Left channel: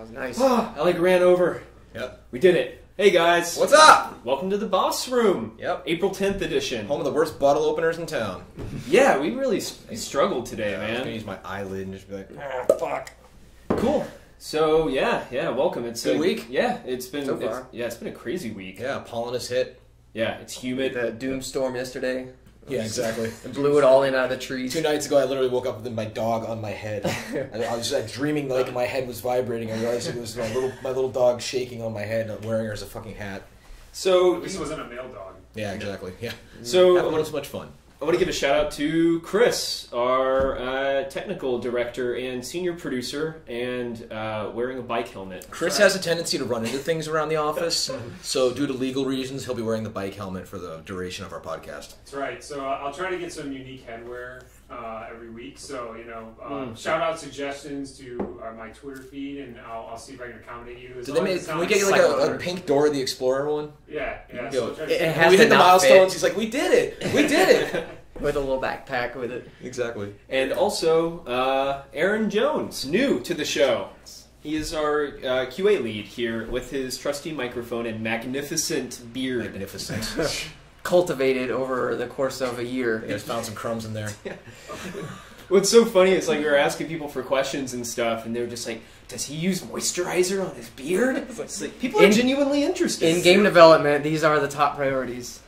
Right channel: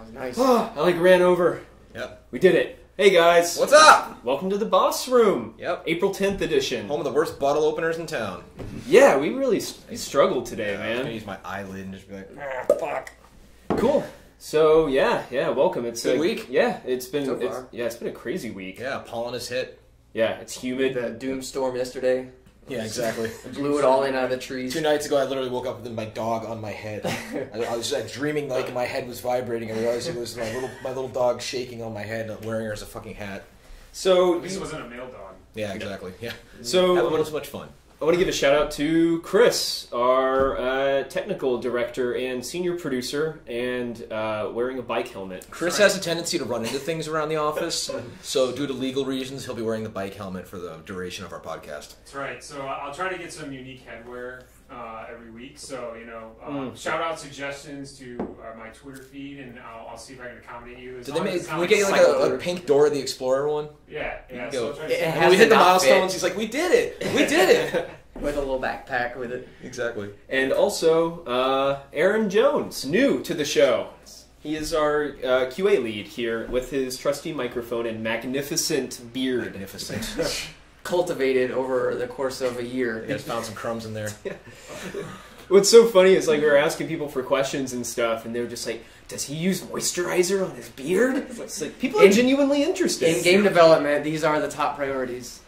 That was nice. I ran over. Yep. We did it. Hey guys. What's up? Welcome to the Boss Room. Yep. April 10th edition. Home of the worst bottle openers in town. Yeah, we really struggled today, I was man. gonna use my eyelid and just be like, fuck. Cool. So yeah, welcome. It's good week. Yeah, it's been So far. it's been a crazy week. Yeah, pollen has hit. Yeah, it's humid. The doom storm yesterday. Yeah, exactly. It blew it all in out of the trees. 2 nights ago, I literally woke up with my dog on my head. I was dreaming like my head was vibrating. I realized it was my little dog shaking on my head, wearing her as a fucking hat. So at least it wasn't a male dog. Yeah, exactly. Yeah. So having a little too much fun. I want to give a shout out to Chris, our technical director and senior producer, and wearing a bike helmet. Chris has a tendency to run into things around the office, so due to legal reasons, he'll be wearing the bike helmet for the duration of our podcast. That's right. So I'll try to get some unique headwear every week. So, shout out suggestions to my Twitter feed, and I'll see if I can accommodate you. Can we get you like a pink Dora the Explorer one? Yeah. So and we hit the milestones. He's like, we did it. We did it. With a little backpack with it. Exactly. And also, Aaron Jones, new to the show. He is our QA lead here with his trusty microphone and magnificent beard. Magnificent. Cultivated over the course of a year. I found some crumbs in there. Yeah. What's so funny is like we were asking people for questions and stuff, and they were just like, "Does he use moisturizer on his beard?" It's like people are genuinely interested. In game development, these are the top priorities.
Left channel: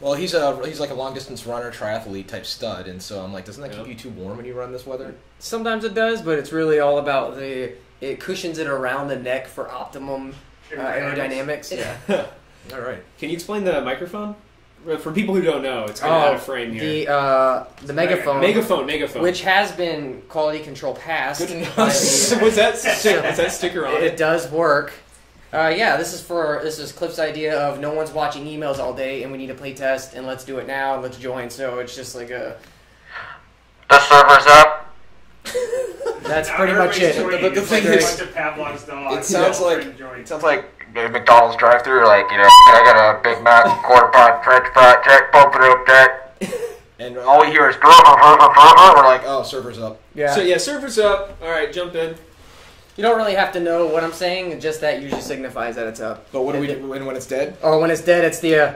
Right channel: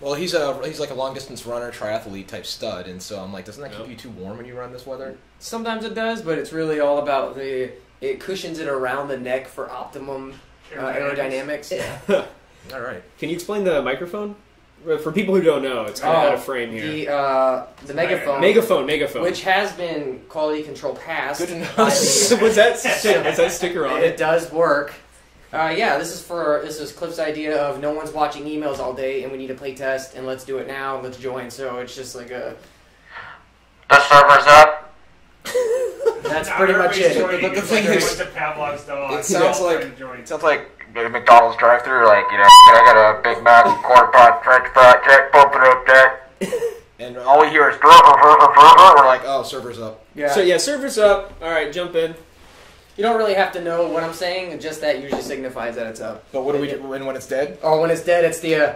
Well, he's like a long distance runner, triathlete type stud, and so I'm like, doesn't that keep you too warm when you run this weather? Sometimes it does, but it's really all about it cushions it around the neck for optimum aerodynamics. Yeah. All right. Can you explain the microphone? For people who don't know, it's kind of out of frame here. The megaphone. Megaphone. Which has been quality control passed. Good to know. Was that sticker on it? It does work. This is Cliff's idea of no one's watching emails all day and we need a play test and let's do it now and let's join. So it's just like the server's up. That's pretty much it. But the thing is, it sounds like McDonald's drive-thru. Like, can I get a Big Mac, quarter pot, French fry, check, pump it up, check. And all we hear is we're like, oh, server's up. Yeah. So server's up. All right, jump in. You don't really have to know what I'm saying, just that usually signifies that it's up. But what do we do when it's dead? Oh, when it's dead, it's the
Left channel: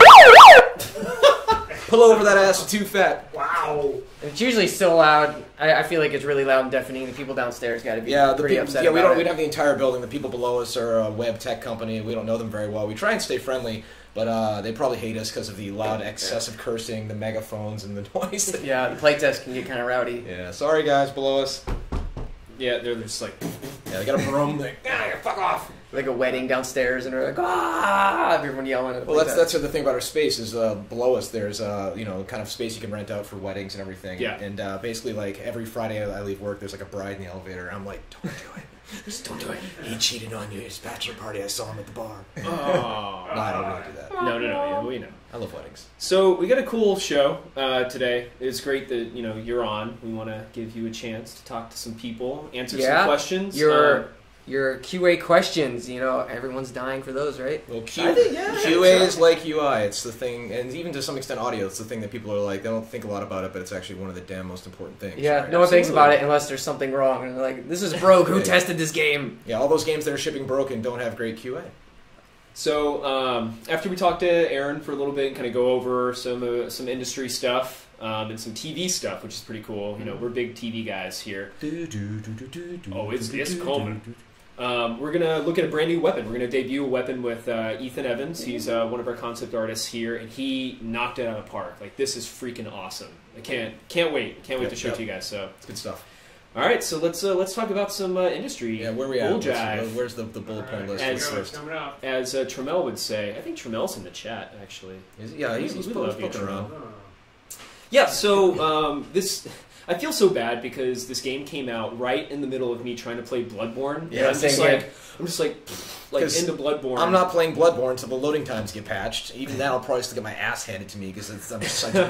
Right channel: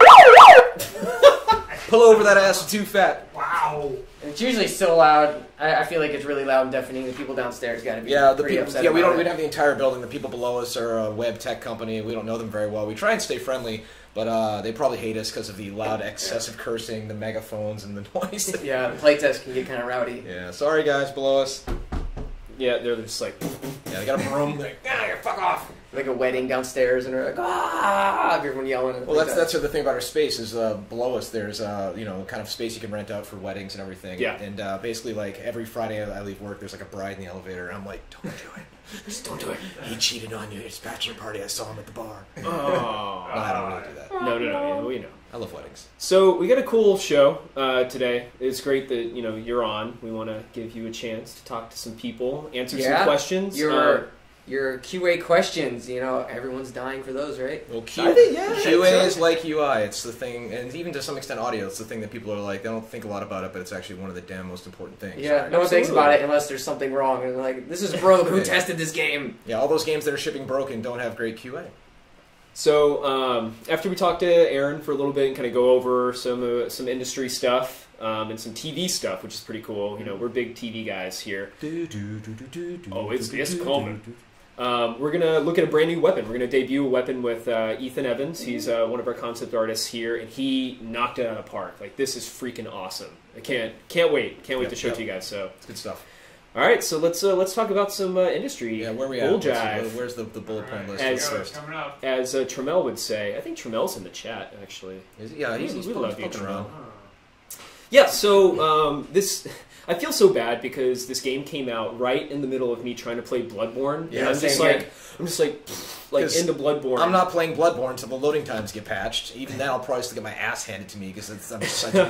pull over that ass, you're too fat. Wow. It's usually so loud. I feel like it's really loud and deafening. The people downstairs got to be pretty upset. Yeah, we don't have the entire building. The people below us are a web tech company. We don't know them very well. We try and stay friendly, but they probably hate us because of the loud, excessive cursing, the megaphones, and the noise. Yeah, the playtest can get kind of rowdy. Yeah, sorry guys below us. Yeah, they're just like, yeah, they got a broom. Like, fuck off. Like a wedding downstairs, and they're like, ah! Everyone yelling. At well, that's the thing about our space is below us. There's kind of space you can rent out for weddings and everything. Yeah. And basically, like every Friday I leave work, there's like a bride in the elevator. And I'm like, don't do it. Just don't do it. He cheated on you at his bachelor party. I saw him at the bar. oh. No, I don't really do that. No. Yeah, we know. I love weddings. So we got a cool show today. It's great that you're on. We want to give you a chance to talk to some people, answer some questions. Your QA questions, everyone's dying for those, right? Well, QA is like UI. It's the thing, and even to some extent audio, it's the thing that people are like, they don't think a lot about it, but it's actually one of the damn most important things. Yeah, right? No one thinks about it unless there's something wrong. And they're like, this is broke. Who tested this game? Yeah, all those games that are shipping broken don't have great QA. So after we talk to Aaron for a little bit and kind of go over some industry stuff and some TV stuff, which is pretty cool. We're big TV guys here. Oh, it's coming. We're going to look at a brand new weapon. We're going to debut a weapon with Ethan Evans. He's one of our concept artists here, and he knocked it out of the park. Like, this is freaking awesome. I can't wait. Can't wait to show it to you guys. So it's good stuff. All right, so let's talk about some industry. Yeah, where we at? Bulljive. Where's the bullet point list? As Trammell would say. I think Trammell's in the chat, actually. Yeah, he's poking around. Yeah, so I feel so bad because this game came out right in the middle of me trying to play Bloodborne. Yeah, I'm just like into Bloodborne. I'm not playing Bloodborne until the loading times get patched. Even then, I'll probably still get my ass handed to me because I'm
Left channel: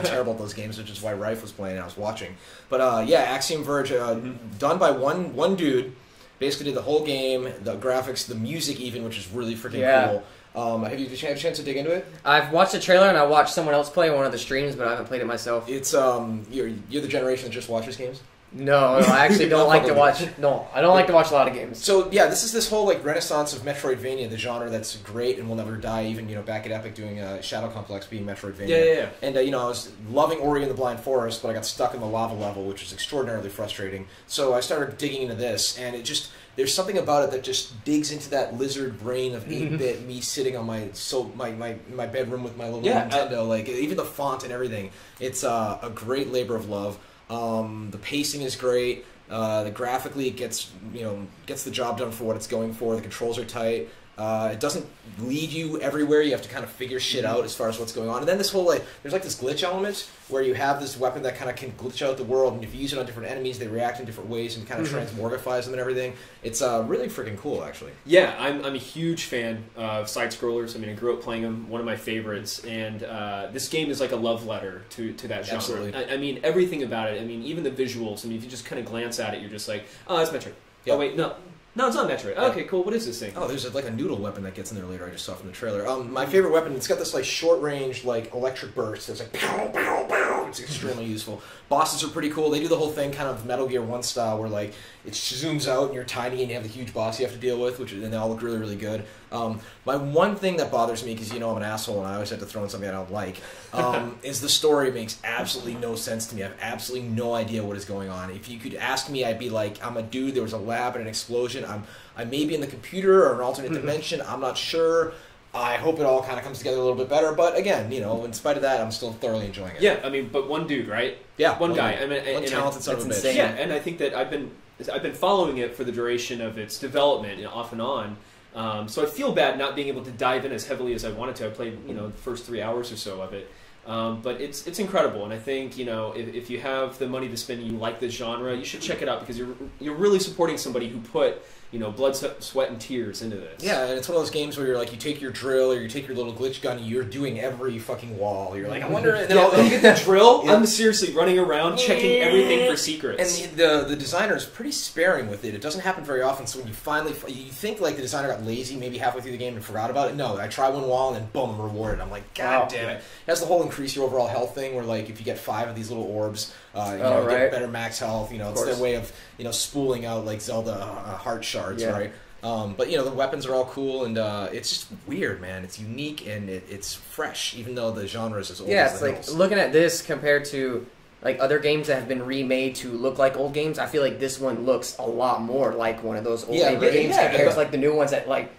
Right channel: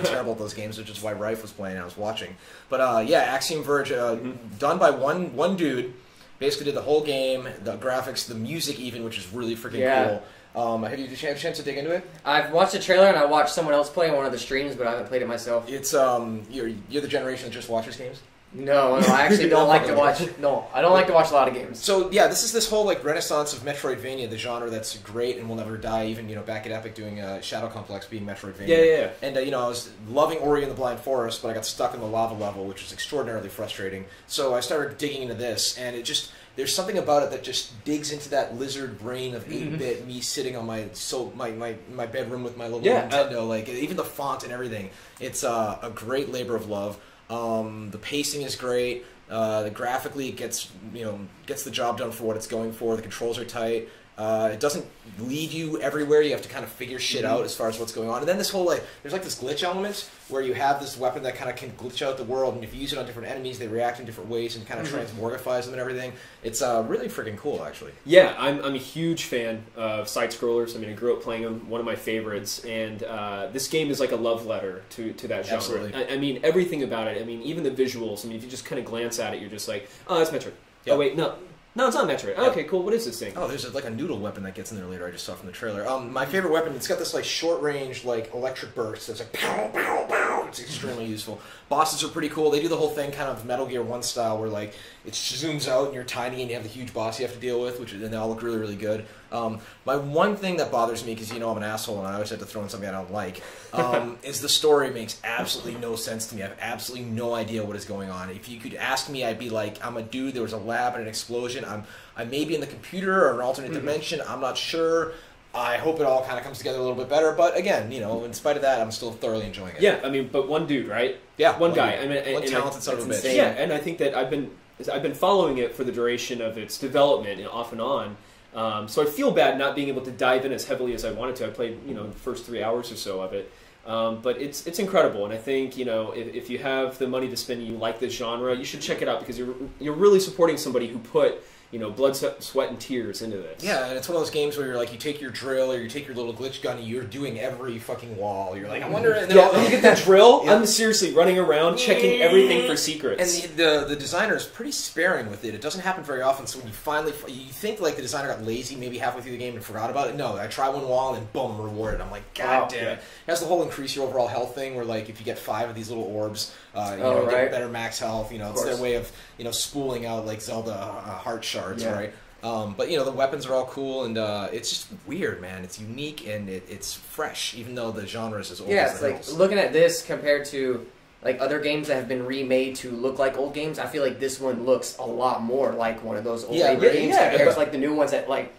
terrible at those games, which is why Rife was playing and I was watching. But Axiom Verge, done by one dude, basically did the whole game, the graphics, the music even, which is really freaking cool. Have you had a chance to dig into it? I've watched the trailer and I watched someone else play one of the streams, but I haven't played it myself. It's you're the generation that just watches games. No, I actually don't like to watch. No, I don't like to watch a lot of games. So yeah, this whole like renaissance of Metroidvania, the genre that's great and will never die. Even back at Epic doing Shadow Complex being Metroidvania. Yeah. And I was loving Ori and the Blind Forest, but I got stuck in the lava level, which was extraordinarily frustrating. So I started digging into this, and there's something about it that just digs into that lizard brain of 8-bit me sitting on my bedroom with my little Nintendo. Like even the font and everything, it's a great labor of love. The pacing is great. Graphically, it gets the job done for what it's going for. The controls are tight. It doesn't lead you everywhere. You have to kind of figure shit out as far as what's going on. And then this whole there's like this glitch element where you have this weapon that kind of can glitch out the world, and if you use it on different enemies, they react in different ways and kind of transmorgifies them and everything. It's really freaking cool, actually. Yeah, I'm a huge fan of side scrollers. I mean, I grew up playing them, one of my favorites, and this game is like a love letter to that genre. Absolutely. I mean, everything about it. I mean, even the visuals. I mean, if you just kind of glance at it, you're just like, oh, that's Metroid. Yep. Oh wait, no, it's not Metroid. Okay, cool. What is this thing? Oh, there's like a noodle weapon that gets in there later. I just saw from the trailer. My favorite weapon. It's got this like short range like electric burst. It's like pow pow pow. It's extremely useful. Bosses are pretty cool. They do the whole thing kind of Metal Gear 1 style, where like it zooms out and you're tiny and you have the huge boss you have to deal with, and they all look really really good. My one thing that bothers me, because I'm an asshole and I always have to throw in something I don't like, is the story makes absolutely no sense to me. I have absolutely no idea what is going on. If you could ask me, I'd be like, I'm a dude, there was a lab and an explosion. I may be in the computer or an alternate dimension. I'm not sure. I hope it all kind of comes together a little bit better. But again, in spite of that, I'm still thoroughly enjoying it. Yeah, I mean, but one dude, right? Yeah, one guy. Dude. I mean, one talented son of a bitch. insane. Yeah, and I think that I've been following it for the duration of its development, off and on. So I feel bad not being able to dive in as heavily as I wanted to. I played, the first 3 hours or so of it. But it's incredible, and I think if you have the money to spend and you like this genre, you should check it out, because you're really supporting somebody who put blood, sweat, and tears into this. Yeah, and it's one of those games where you're like, you take your drill or you take your little glitch gun and you're doing every fucking wall. You're like, I wonder. And then you get that drill. Yep. I'm seriously running around checking everything for secrets. And the designer is pretty sparing with it. It doesn't happen very often. So when you think like the designer got lazy maybe halfway through the game and forgot about it. No, I try one wall and then boom, I'm rewarded. I'm like, God damn it. It has the whole increase your overall health thing, where like if you get 5 of these little orbs, you get better max health. It's their way of spooling out like Zelda heart shards, right? But the weapons are all cool, and it's just weird, man. It's unique and it's fresh, even though the genre is as old as the hills. Like looking at this compared to like other games that have been remade to look like old games. I feel like this one looks a lot more like one of those old 8-bit games compared to like the new ones that like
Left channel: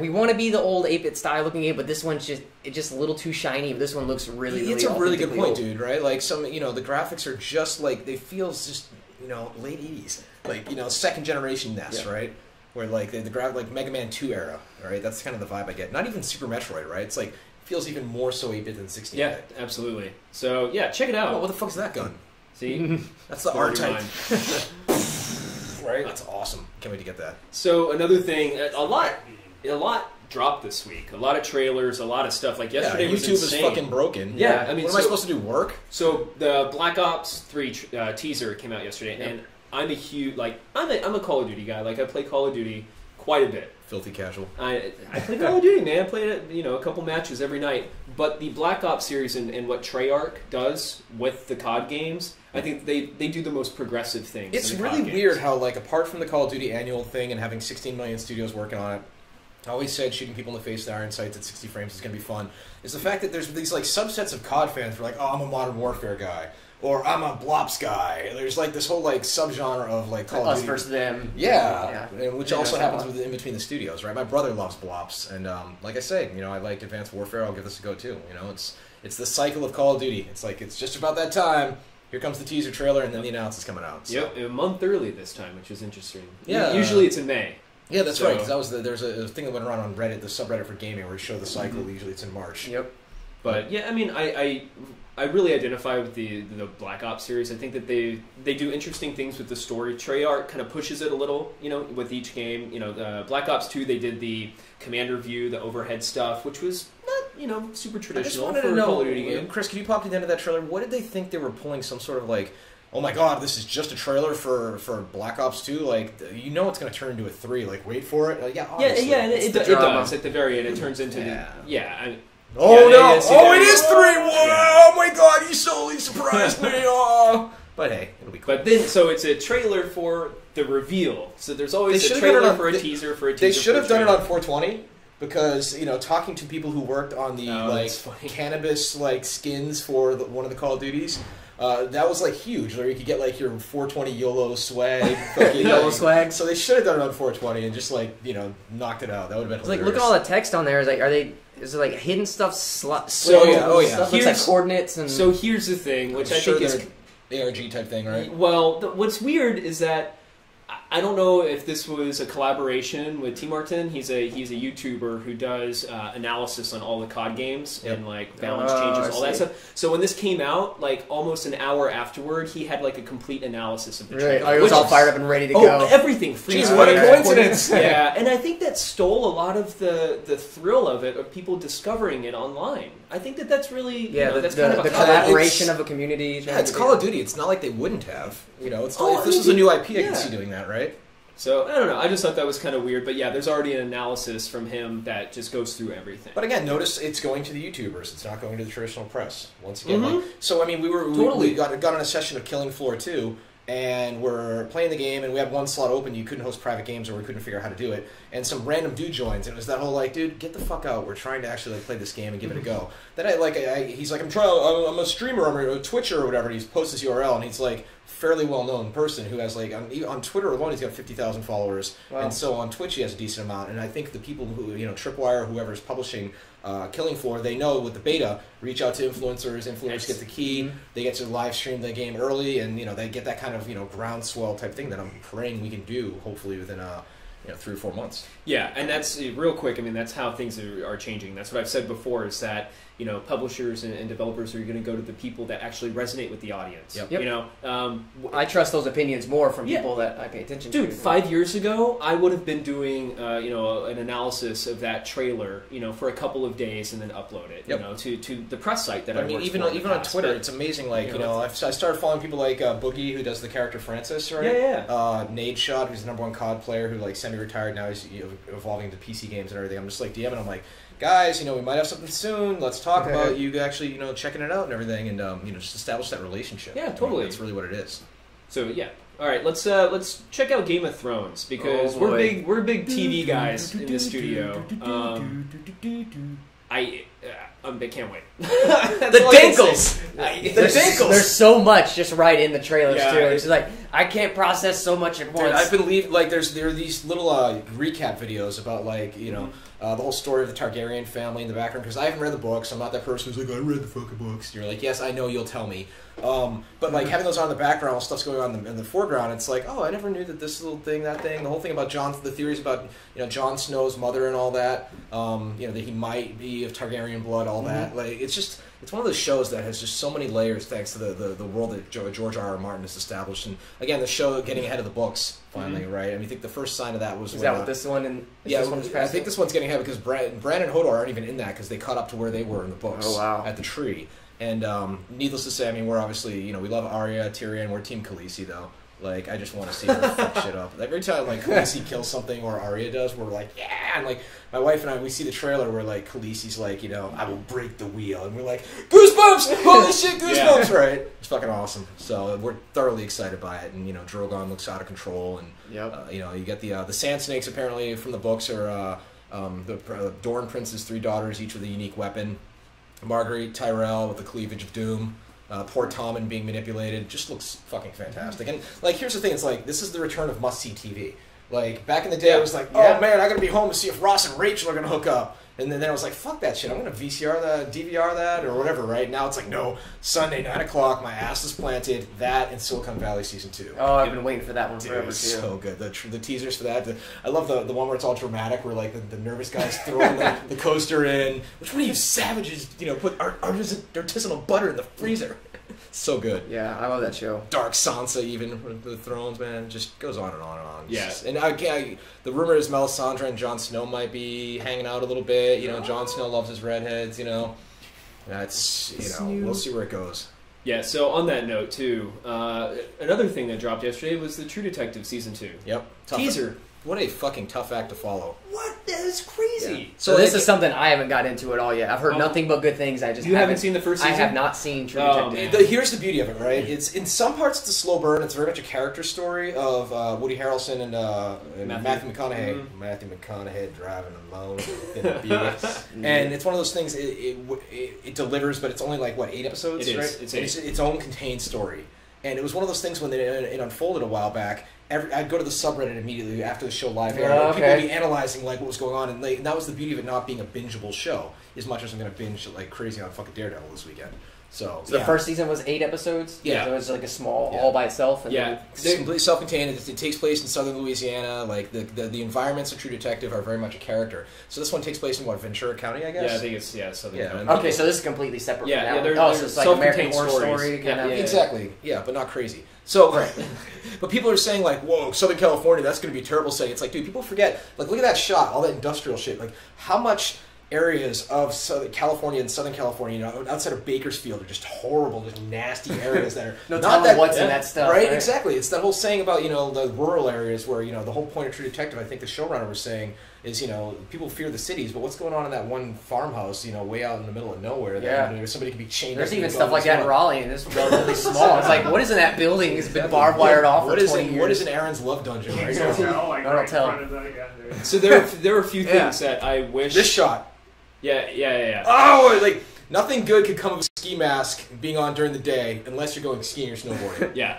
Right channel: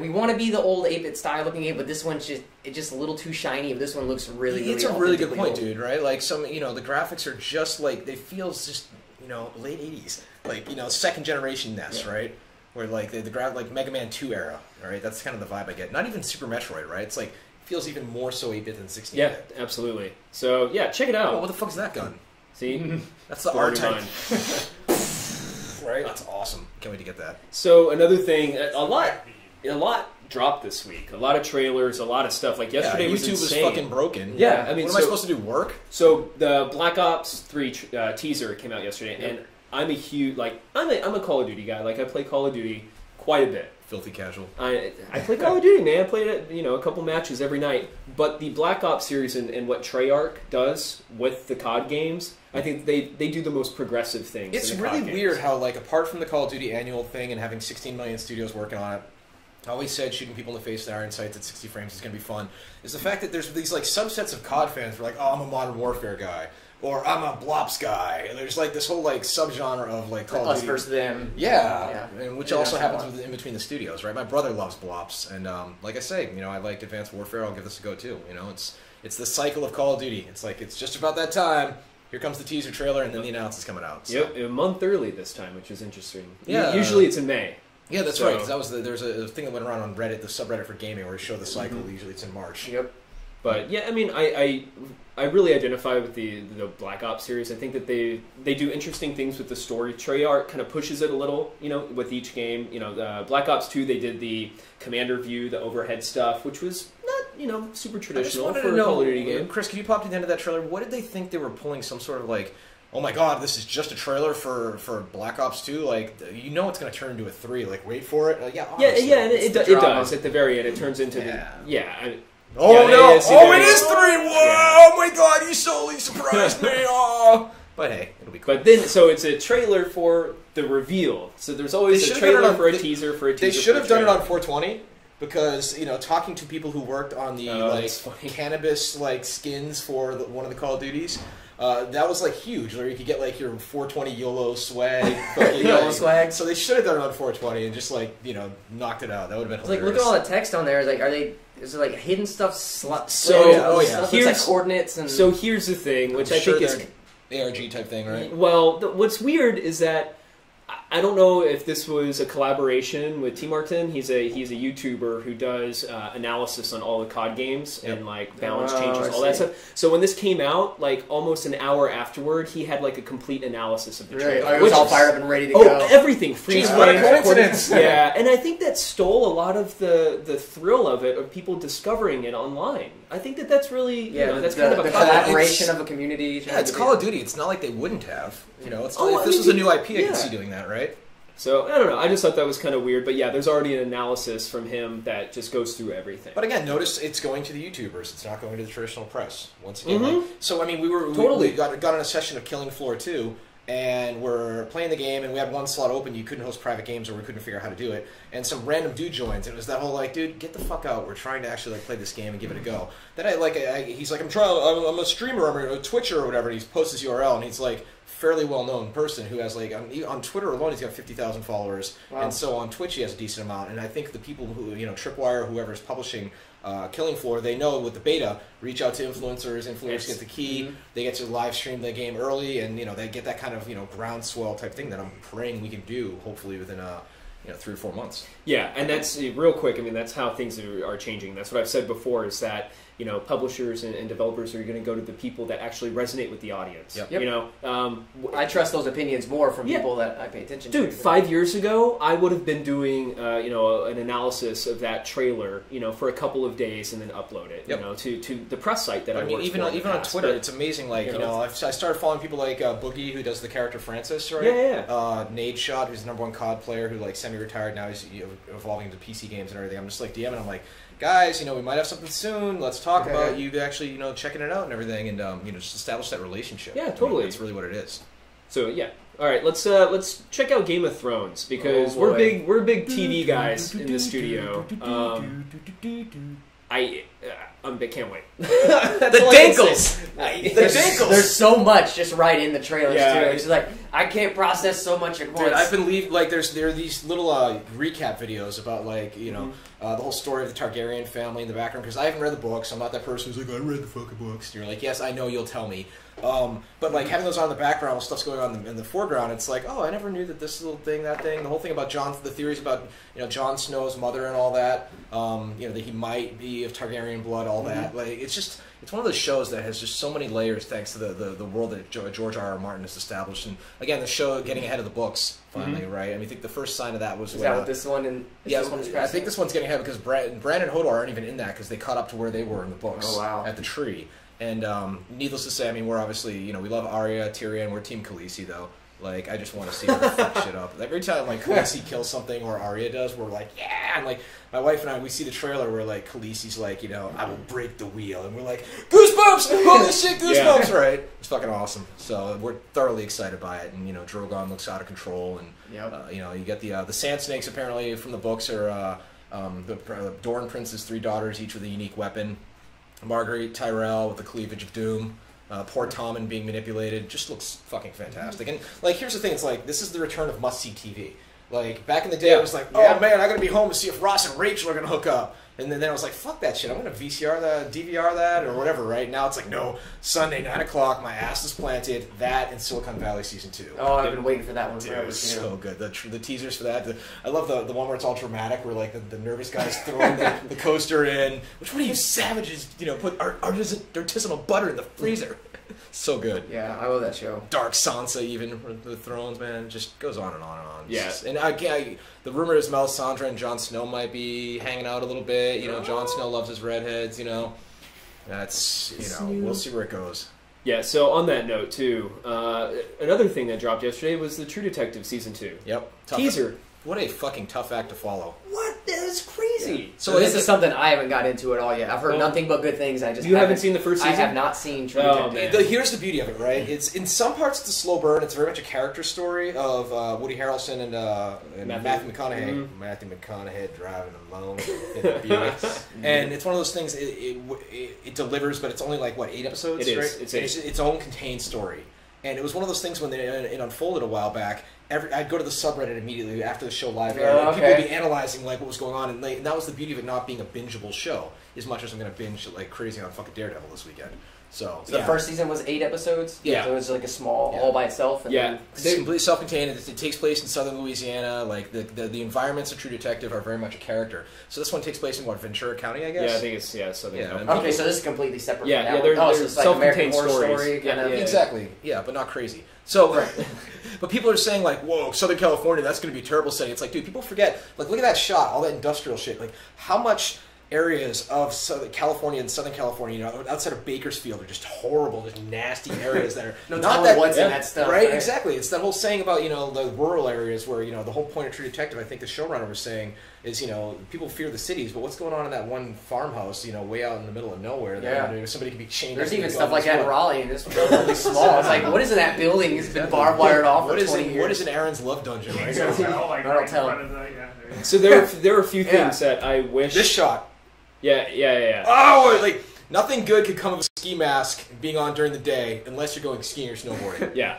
we want to be the old 8-bit style looking game, but this one's just a little too shiny. But this one looks really it's a really good point, old. Dude. Right? Like the graphics are just like they feel just late 80s, like second generation NES, right? Where like the like Mega Man 2 era, right? That's kind of the vibe I get. Not even Super Metroid, right? It's like feels even more so 8-bit than 16-bit. Yeah, absolutely. So yeah, check it out. Oh, what the fuck's that gun? See, that's the R-Type. Right? That's awesome. Can't wait to get that. So another thing, a lot dropped this week. A lot of trailers, a lot of stuff. Like yesterday, YouTube was fucking broken. Yeah, I mean, what am I supposed to do? Work? So the Black Ops 3 teaser came out yesterday, and I'm a huge I'm a Call of Duty guy. Like I play Call of Duty quite a bit. Filthy casual. I play Call of Duty, man. I played it, a couple matches every night. But the Black Ops series and what Treyarch does with the COD games, I think they do the most progressive things. It's really weird how, like, apart from the Call of Duty annual thing and having 16 million studios working on it, I always said shooting people in the face with iron sights at 60 frames is going to be fun, is the fact that there's these, like, subsets of COD fans who are like, oh, I'm a Modern Warfare guy, or I'm a Blops guy. There's, like, this whole, like, subgenre of, like, Call of Duty. Us versus them. Yeah. Which also happens in between the studios, right? My brother loves Blops, and, like I say, I like Advanced Warfare. I'll give this a go, too. It's the cycle of Call of Duty. It's like, it's just about that time. Here comes the teaser trailer, and then the announce is coming out. So. Yep, a month early this time, which is interesting. Yeah. Usually it's in May. Yeah, that's right. Because there's a thing that went around on Reddit, the subreddit for gaming, where we show the cycle. Usually it's in March. Yep. But yeah, I mean, I really identify with the Black Ops series. I think that they do interesting things with the story. Treyarch kind of pushes it a little, with each game. Black Ops 2, they did the commander view, the overhead stuff, which was not, super traditional. I just wanted to know, Chris, could you pop to the end of that trailer? What did they think they were pulling some sort of like, oh my god, this is just a trailer for Black Ops 2? Like, it's going to turn into a 3. Like, wait for it. Obviously. Yeah, and it does. At the very end, it turns into Oh no! It is 3! Whoa! Oh my god! You solely surprised me! Oh. But hey, it'll be cool. But then, so it's a trailer for the reveal. So there's always a trailer for a teaser for a teaser. They should have done it on 420 because talking to people who worked on the cannabis skins for one of the Call of Duties. That was huge, where you could get your 420 YOLO swag, YOLO swag. So they should have done it on 420 and just knocked it out. That would have been hilarious. Look at all the text on there. Is it hidden stuff? Stuff Here's coordinates and. So here's the thing, which I think is ARG type thing, right? Well, what's weird is that I don't know if this was a collaboration with T. Martin. He's a YouTuber who does analysis on all the COD games and balance changes, all that stuff. So when this came out, almost an hour afterward, he had a complete analysis of the trailer. Right, it was all fired up and ready to go. Everything. Jeez, what a coincidence! Yeah, and I think that stole a lot of the thrill of it, of people discovering it online. I think that's really that's kind of a collaboration of a community. Yeah, it's Call of Duty. It's not like they wouldn't have. It's if this was a new IP, I could see doing that, right? So, I don't know. I just thought that was kind of weird. But yeah, there's already an analysis from him that just goes through everything. But again, notice it's going to the YouTubers. It's not going to the traditional press. Once again, we got on a session of Killing Floor 2, and we're playing the game, and we had one slot open. You couldn't host private games, or we couldn't figure out how to do it. And some random dude joins, and it was that whole dude, get the fuck out. We're trying to actually play this game and give it a go. Then he's like, I'm a streamer, I'm a Twitcher or whatever. And he posts his URL, and he's fairly well-known person who has on Twitter alone he's got 50,000 followers, and so on Twitch he has a decent amount. And I think the people who Tripwire, whoever is publishing Killing Floor, they know with the beta, reach out to influencers get the key, they get to live stream the game early, and they get that kind of groundswell type thing that I'm praying we can do hopefully within 3 or 4 months. Yeah, and that's real quick. I mean, that's how things are changing. That's what I've said before, is that publishers and developers are going to go to the people that actually resonate with the audience. Yep. I trust those opinions more from people that I pay attention to. Dude, 5 years ago, I would have been doing an analysis of that trailer, for a couple of days and then upload it, to the press site that I mean, even on Twitter, it's amazing. I started following people like Boogie, who does the character Francis, right? Yeah. Nade Shot, who's the #1 COD player, who semi-retired now. He's evolving into PC games and everything. I'm just DMing. I'm like, guys, we might have something soon. Let's talk about you actually, checking it out and everything, and just establish that relationship. Yeah, totally. That's really what it is. So yeah, all right. Let's check out Game of Thrones, because we're big TV guys in the studio. I can't wait. The Dinkles! There's so much just right in the trailers too. It's I can't process so much at once. Dude, I've been there are these little recap videos about the whole story of the Targaryen family in the background, because I haven't read the books. I'm not that person who's I read the fucking books. And you're yes, I know, you'll tell me. But having those on in the background while stuff's going on in the foreground, it's I never knew that this little thing, that thing, the whole thing about the theories about Jon Snow's mother and all that, that he might be of Targaryen blood, all that. It's one of those shows that has just so many layers thanks to the world that George R.R. Martin has established. And again, the show getting ahead of the books finally, right? I think the first sign of that was when this one I think this one's getting ahead because Bran and Hodor aren't even in that, because they caught up to where they were in the books at the tree. And needless to say, we wish we love Arya, Tyrion. We're Team Khaleesi, though. I just want to see her fuck shit up. Every time Khaleesi kills something, or Arya does, we're yeah. And my wife and I, we see the trailer where Khaleesi's I will break the wheel, and we're goosebumps! Holy shit, goosebumps! Right? It's fucking awesome. So we're thoroughly excited by it. And Drogon looks out of control, and you get the Sand Snakes apparently from the books are the Dorne Prince's 3 daughters, each with a unique weapon. Marguerite Tyrell with the cleavage of doom. Poor Tommen being manipulated. Just looks fucking fantastic. And here's the thing, it's this is the return of must-see TV. Back in the day, it was oh man, I gotta be home to see if Ross and Rachel are gonna hook up. And then I was fuck that shit, I'm gonna VCR that, DVR that, or whatever, right? Now it's no, Sunday, 9 o'clock, my ass is planted, that and Silicon Valley Season 2. Oh, I've been waiting for that one forever, too. So good. The teasers for that. I love the one where it's all dramatic, where the nervous guy's throwing the coaster in. Which one of you savages, put artisanal butter in the freezer? So good. Yeah, I love that show. Dark Sansa, even with the Thrones, man, just goes on and on and on. Yeah. And the rumor is Melisandre and Jon Snow might be hanging out a little bit. Jon Snow loves his redheads. It's we'll see where it goes. Yeah. So on that note, too, another thing that dropped yesterday was the True Detective Season 2. Yep. Teaser. What a fucking tough act to follow. What? That is crazy. Yeah. So this is something I haven't gotten into at all yet. I've heard nothing but good things. You haven't seen the first season? I have not seen True Detective. Here's the beauty of it, right? It's in some parts it's a slow burn. It's very much a character story of Woody Harrelson and Matthew McConaughey. Mm-hmm. Matthew McConaughey driving alone in a Buick. And it's one of those things. It delivers, but it's only like what 8 episodes, right? It's its own contained story. And it was one of those things when it unfolded a while back. I'd go to the subreddit immediately after the show live aired, and people would be analyzing like what was going on, and that was the beauty of it not being a bingeable show. As much as I'm going to binge like crazy on fucking Daredevil this weekend. So the first season was 8 episodes. Yeah, so it was like a small all by itself. And it's completely self-contained. It takes place in southern Louisiana. Like the environments of True Detective are very much a character. So this one takes place in Ventura County, I guess. Yeah, I think it's southern. Yeah. Okay, so this is completely separate. Yeah, from that they're so it's like self-contained American Horror stories. Story, Exactly. Yeah, but not crazy. So, but people are saying like, "Whoa, Southern California, that's going to be a terrible setting." It's like, dude, people forget. Like, look at that shot, all that industrial shit. Like, how much areas of Southern California and Southern California, outside of Bakersfield, are just horrible, just nasty areas that are not that what's in that stuff, right? Exactly. It's that whole saying about the rural areas where the whole point of True Detective, I think the showrunner was saying, is people fear the cities, but what's going on in that one farmhouse, way out in the middle of nowhere that somebody can be chained. There's even stuff like that in Raleigh, and it's relatively small. It's like, what is in that building? It's been barbed wired off for 20 years. What is in Aaron's love dungeon? Right? I'll tell. So there are a few things that I wish. This shot. Yeah. Oh, like nothing good could come of a ski mask being on during the day unless you're going skiing or snowboarding. Yeah.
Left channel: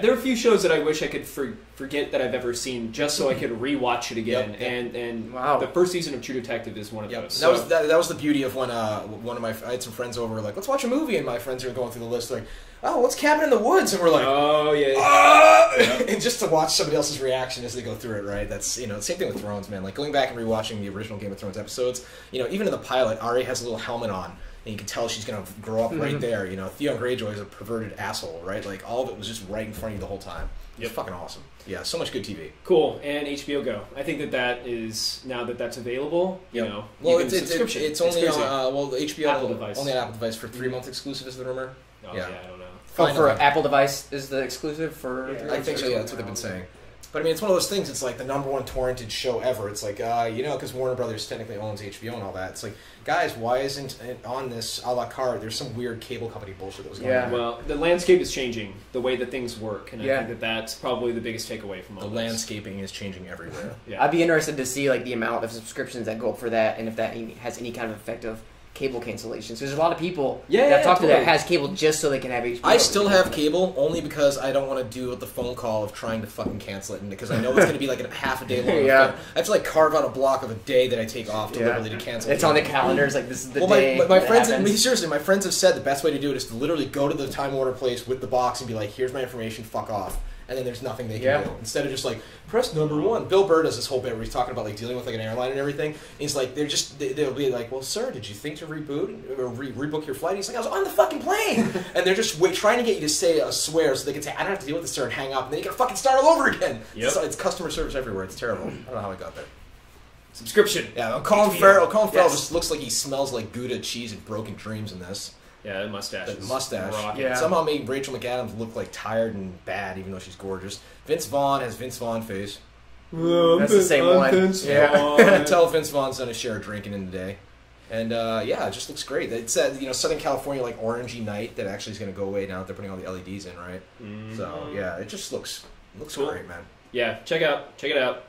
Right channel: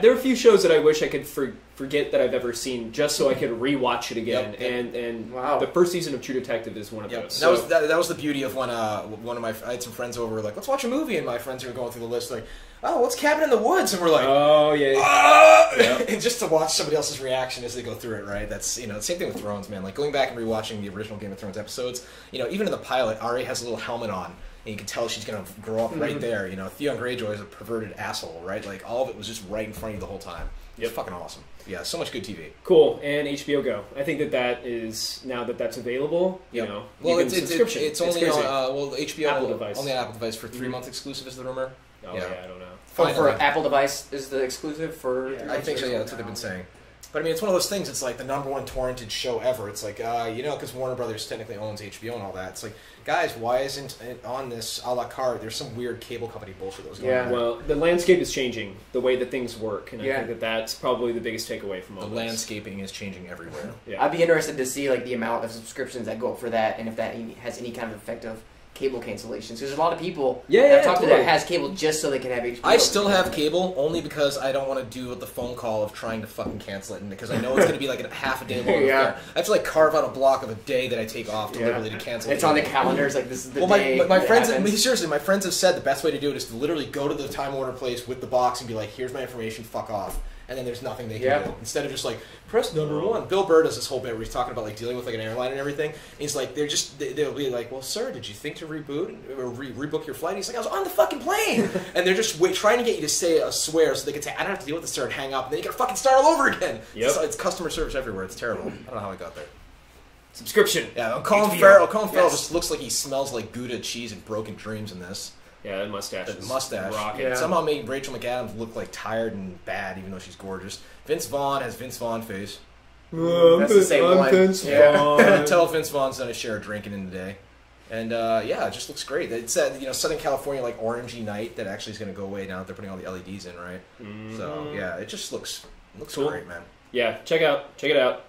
There are a few shows that I wish I could forget that I've ever seen, just so I could rewatch it again. Yep. And the first season of True Detective is one of those. So. That was the beauty of when I had some friends over, like, let's watch a movie, and my friends are going through the list like, oh, what's Cabin in the Woods? And we're like, oh, yeah. And just to watch somebody else's reaction as they go through it, right? That's, same thing with Thrones, man. Like, going back and rewatching the original Game of Thrones episodes, even in the pilot, Arya has a little helmet on, and you can tell she's going to grow up right there. Theon Greyjoy is a perverted asshole, right? Like, all of it was just right in front of you the whole time. It's fucking awesome. Yeah, so much good TV. Cool. And HBO Go. I think that is, now that's available, well, it's only on, HBO Apple device. Only on Apple device for 3-month exclusive is the rumor. Oh, yeah, I don't know. For Apple device is the exclusive for... I think so, yeah, that's what they've been saying. But I mean, it's one of those things, it's like the #1 torrented show ever. It's like, because Warner Brothers technically owns HBO and all that. It's like, guys, why isn't it on this a la carte? There's some weird cable company bullshit that was going on. Well, the landscape is changing, the way that things work, and I think that's probably the biggest takeaway from all this. The landscaping is changing everywhere. I'd be interested to see like the amount of subscriptions that go up for that, and if that has any kind of effect of cable cancellations. There's a lot of people that I've talked to that has cable just so they can have HBO. I still have cable only because I don't want to do the phone call of trying to fucking cancel it, and because I know it's going to be like a half a day long. I have to like carve out a block of a day that I take off deliberately to cancel. It's on the calendar. It's like this is the day. My friends, seriously, my friends have said the best way to do it is to literally go to the Time Warner place with the box and be like, "Here's my information. Fuck off." And then there's nothing they can do. Instead of just like, press #1. Bill Burr does this whole bit where he's talking about like dealing with like an airline and everything. And he's like, they'll be like, well, sir, did you think to reboot or rebook your flight? And he's like, I was on the fucking plane. And they're just trying to get you to say a swear so they can say, I don't have to deal with this, sir, and hang up. And then you gotta fucking start all over again. It's customer service everywhere. It's terrible. I don't know how I got there. Subscription. Yeah, Colin Farrell just looks like he smells like Gouda cheese and broken dreams in this. Yeah, and mustache. The mustache. Somehow made Rachel McAdams look like tired and bad, even though she's gorgeous. Vince Vaughn has Vince Vaughn face. That's the same one. Vince Vaughn. You can tell Vince Vaughn's done his share of drinking in the day. And it just looks great. It said, Southern California, like orangey night, that actually is going to go away now that they're putting all the LEDs in, right? So it just looks cool. Great, man. Yeah, check it out.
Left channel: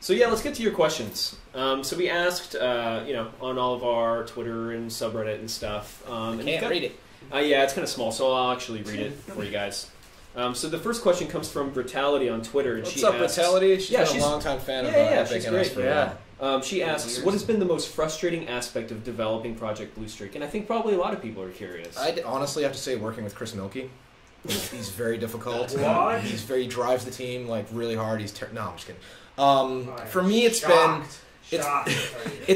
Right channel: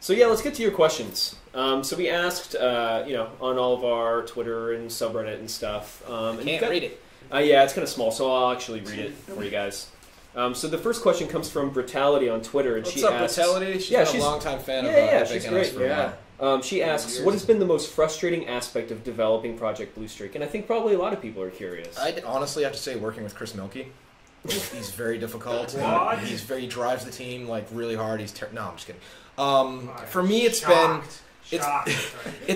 So let's get to your questions. So we asked, on all of our Twitter and subreddit and stuff. I can't read it. It's kind of small, so I'll actually read it for you guys. So the first question comes from Brutality on Twitter. And What's up, Brutality? She's been a longtime fan of Epic and us for a while. She asks, what has been the most frustrating aspect of developing Project Blue Streak? And I think probably a lot of people are curious. I'd honestly have to say working with Chris Milkey. He's very difficult. He drives the team like really hard. No, I'm just kidding. For me, it's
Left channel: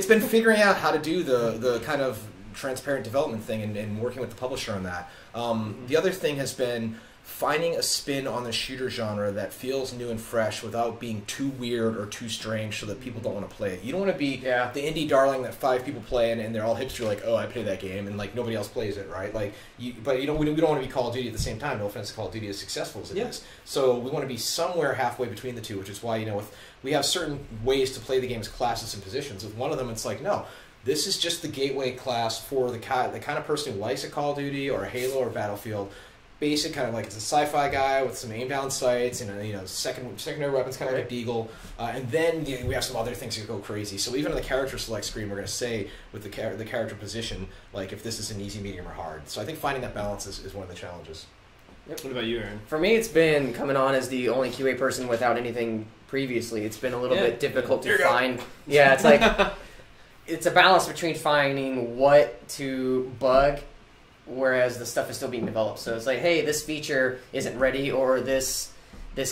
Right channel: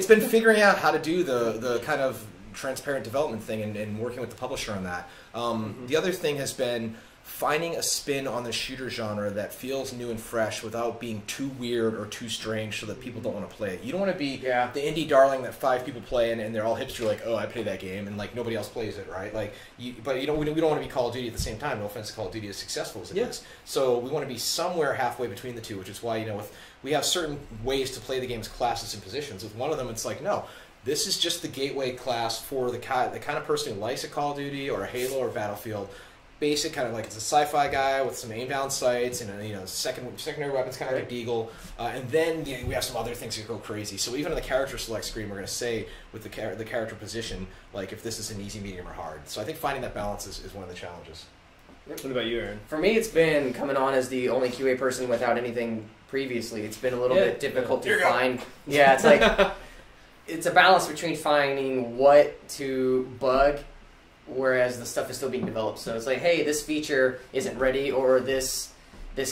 been figuring out how to do the kind of transparent development thing and working with the publisher on that. The other thing has been finding a spin on the shooter genre that feels new and fresh without being too weird or too strange so that people don't want to play it. You don't want to be the indie darling that 5 people play and they're all hipster like, oh, I play that game, and like nobody else plays it, right? Like, but you know, we don't want to be Call of Duty at the same time. No offense to Call of Duty, as successful as it is. So we want to be somewhere halfway between the two, which is why, you know, we have certain ways to play the game's classes and positions. With one of them, it's like, no, this is just the gateway class for the kind of person who likes a Call of Duty or a Halo or Battlefield. Basic kind of like, it's a sci-fi guy with some aim down sights and you know, secondary weapons, kind of like a deagle, and then we have some other things that go crazy. So even on the character select screen, we're going to say with the character position, like if this is an easy, medium, or hard. So I think finding that balance is one of the challenges. What about you, Aaron? For me, it's been coming on as the only QA person without anything previously. It's been a little bit difficult to find. Yeah, it's like it's a balance between finding what to bug, whereas the stuff is still being developed. So it's like, hey, this feature isn't ready, or this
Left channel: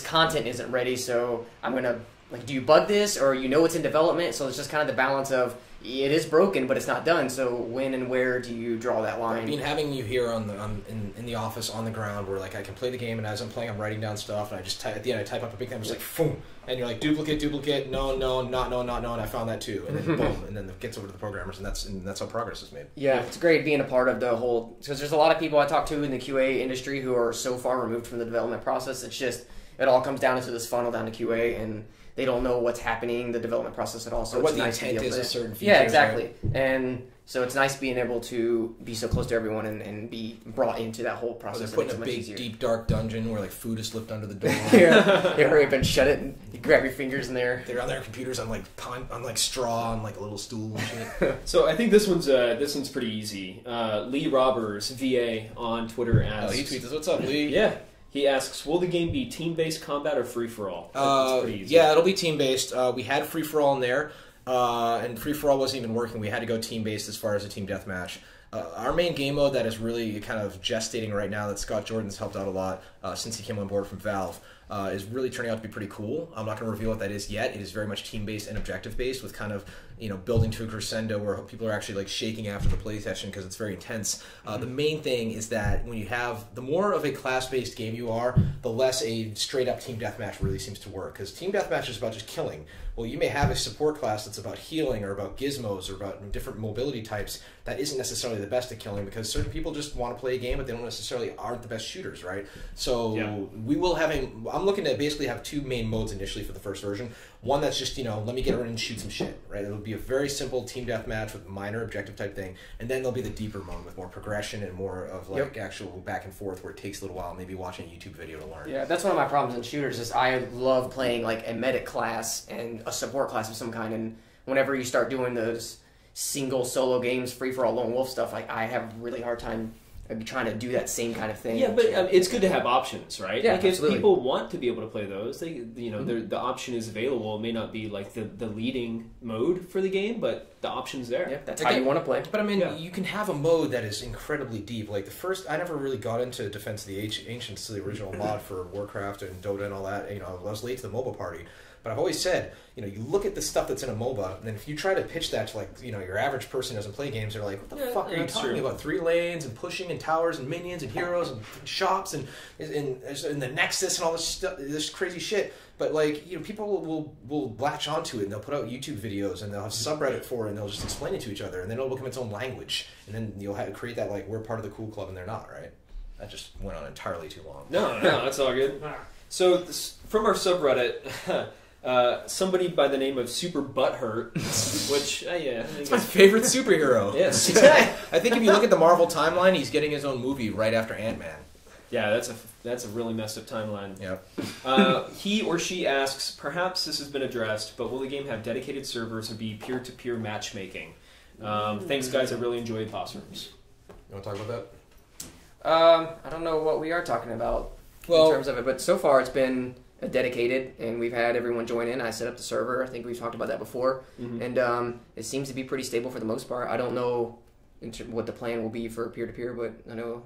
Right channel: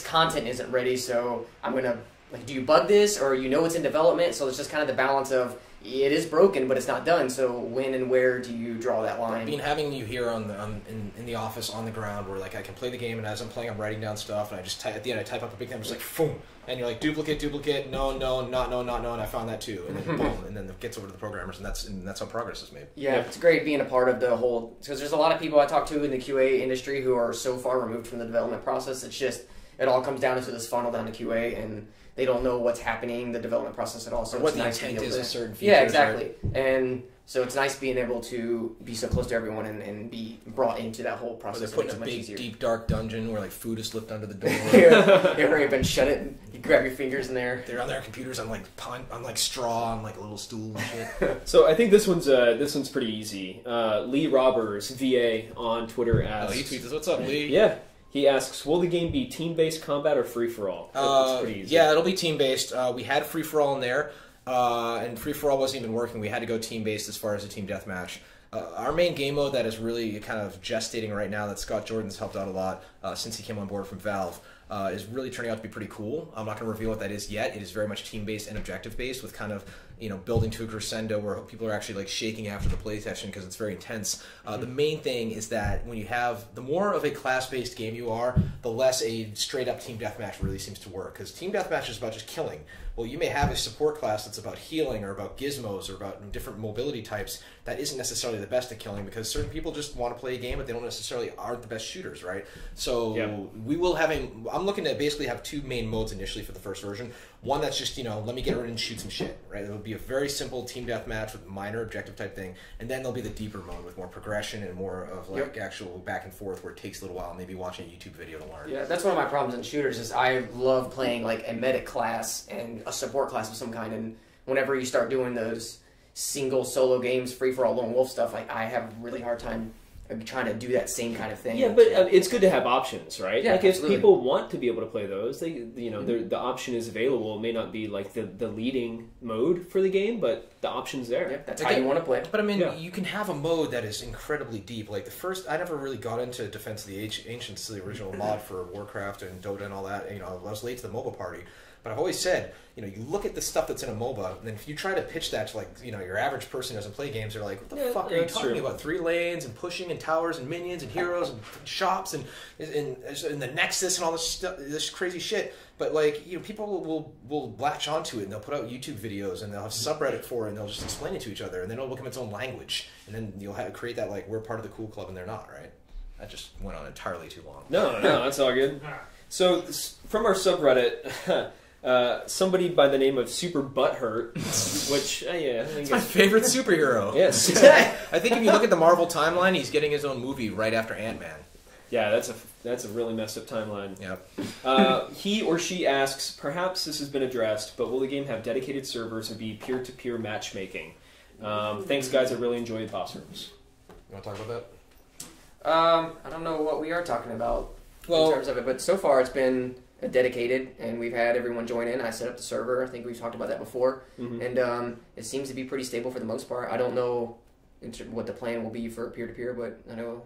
content isn't ready, so I'm going to, like, do you bug this, or you know it's in development? So it's just kind of the balance of, it is broken, but it's not done, so when and where do you draw that line? I mean, having you here in the office on the ground where, like, I can play the game, and as I'm playing, I'm writing down stuff, and I just at the end, I type up a big thing, I'm just like, boom, and you're like, duplicate, no, not no, and I found that too, and then boom, and then it gets over to the programmers, and that's how progress is made. Yeah, it's great being a part of the whole, because there's a lot of people I talk to in the QA industry who are so far removed from the development process. It's just, it all comes down into this funnel down to QA, and they don't know what's happening in the development process at all. So or what it's the nice intent is of certain features. Yeah, exactly. Right? And so it's nice being able to be so close to everyone and be brought into that whole process. Or they're put in a big, deep, dark dungeon where like food is slipped under the door. You hurry up and shut it, and you grab your fingers in there. They're on their computers on like straw on like a little stool and shit. So I think this one's pretty easy. Lee Robbers, VA, on Twitter asks... Oh, he tweets us, what's up, Lee? Yeah. He asks, will the game be team-based combat or free-for-all? Yeah, it'll be team-based. We had free-for-all in there, and free-for-all wasn't even working. We had to go team-based as far as a team deathmatch. Our main game mode that is really kind of gestating right now, that Scott Jordan's helped out a lot since he came on board from Valve, is really turning out to be pretty cool. I'm not going to reveal what that is yet. It is very much team-based and objective-based, with kind of, you know, building to a crescendo where people are actually like shaking after the play session because it's very intense. The main thing is that when you have, the more of a class-based game you are, the less a straight-up team deathmatch really seems to work, because team deathmatch is about just killing. Well, you may have a support class that's about healing or about gizmos or about different mobility types that isn't necessarily the best at killing, because certain people just want to play a game but they don't necessarily aren't the best shooters, right? So we will have I'm looking to basically have 2 main modes initially for the first version. One that's just, you know, let me get around and shoot some shit, right? It'll be a very simple team deathmatch with minor objective type thing, and then there'll be the deeper mode with more progression and more of like actual back and forth where it takes a little while, maybe watching a YouTube video to learn. Yeah, that's one of my problems in shooters is I love playing like a medic class and a support class of some kind, and whenever you start doing those single solo games, free-for-all lone wolf stuff, like I have a really hard time trying to do that same kind of thing. Yeah, but it's good to have options, right? Yeah, like absolutely. If people want to be able to play those, they, you know, the option is available. It may not be like the leading mode for the game, but the option's there. Yeah, that's how you want to play. But I mean, you can have a mode that is incredibly deep. Like the first, I never really got into Defense of the Ancients, the original mod for Warcraft and Dota and all that. You know, I was late to the MOBA party. But I've always said, you know, you look at the stuff that's in a MOBA, and then if you try to pitch that to, like, you know, your average person who doesn't play games, they're like, what the fuck are you talking about? 3 lanes and pushing and towers and minions and heroes and shops and the Nexus and all this stuff, this crazy shit. But, like, you know, people will latch onto it, and they'll put out YouTube videos, and they'll have subreddit for it, and they'll just explain it to each other, and then it'll become its own language. And then you'll create that, like, we're part of the cool club, and they're not, right? That just went on entirely too long. No, that's all good. So, from our subreddit... somebody by the name of Super Butthurt, which it's my favorite superhero. Yes, I think if you look at the Marvel timeline, he's getting his own movie right after Ant-Man. Yeah, that's a really messed up timeline. Yep. He or she asks, perhaps this has been addressed, but will the game have dedicated servers or be peer-to-peer matchmaking? Thanks, guys. I really enjoyed Pops Rooms. You want to talk about that? I don't know what we are talking about in terms of it, but so far it's been dedicated, and we've had everyone join in. I set up the server. I think we've talked about that before, and it seems to be pretty stable for the most part. I don't know what the plan will be for peer-to-peer, but I know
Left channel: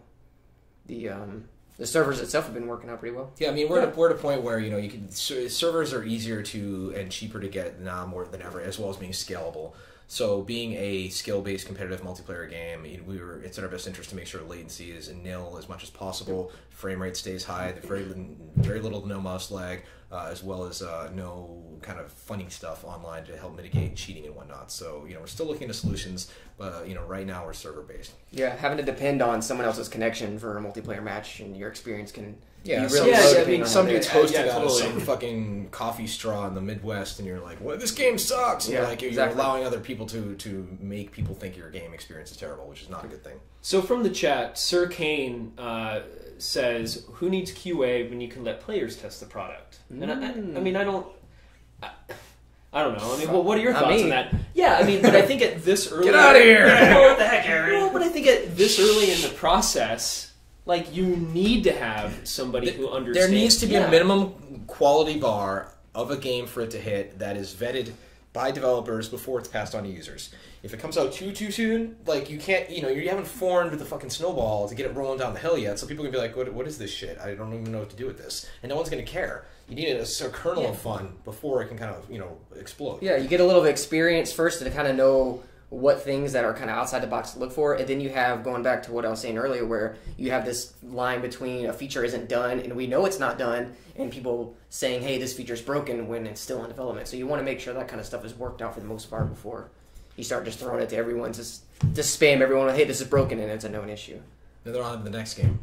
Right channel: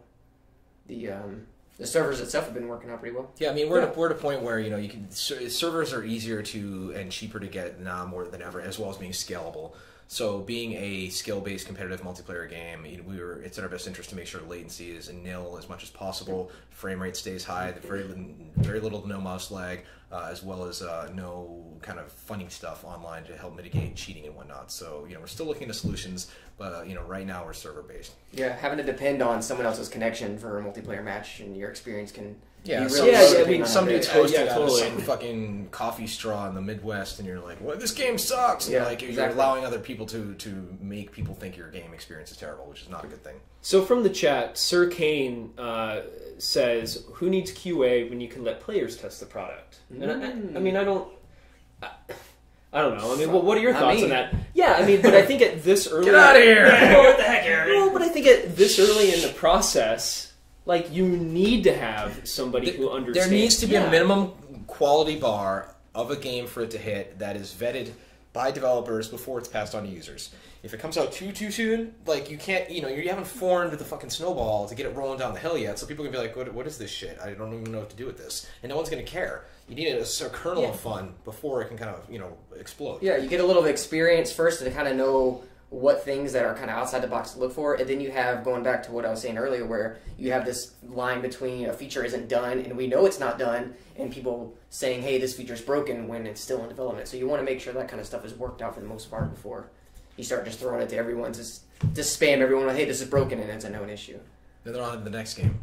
the The servers itself have been working out pretty well. Yeah, I mean, we're at a point where, you know, you can servers are easier to and cheaper to get now more than ever, as well as being scalable. So being a skill-based competitive multiplayer game, it's in our best interest to make sure latency is nil as much as possible, frame rate stays high, very little to no mouse lag, as well as no kind of funny stuff online to help mitigate cheating and whatnot. So, you know, we're still looking into solutions, but, you know, right now we're server-based. Yeah, having to depend on someone else's connection for a multiplayer match and your experience can... Yeah, really some dude's hosted out of totally. some fucking coffee straw in the Midwest, and you're like, "What? This game sucks!" And you're allowing other people to make people think your game experience is terrible, which is not a good thing. So from the chat, Sir Kane says, "Who needs QA when you can let players test the product?" And I mean, I don't know. I mean, what are your thoughts on that? Yeah, I mean, but I think at this early... Get out of here! Yeah, what the heck, Aaron? Well, but I think at this early in the process... Like, you need to have somebody who understands. There needs to be a minimum quality bar of a game for it to hit that is vetted by developers before it's passed on to users. If it comes out too soon, like, you can't, you know, you haven't formed the fucking snowball to get it rolling down the hill yet, so people can be like, what is this shit? I don't even know what to do with this. And no one's going to care. You need a kernel of fun before it can kind of, you know, explode. Yeah, you get a little experience first to kind of know what things that are kind of outside the box to look for, and then you have, going back to what I was saying earlier, where you have this line between a feature isn't done and we know it's not done, and people saying, hey, this feature is broken when it's still in development. So you want to make sure that kind of stuff is worked out for the most part before you start just throwing it to everyone, to spam everyone, hey, this is broken, and it's a known issue. And they're on to the next game.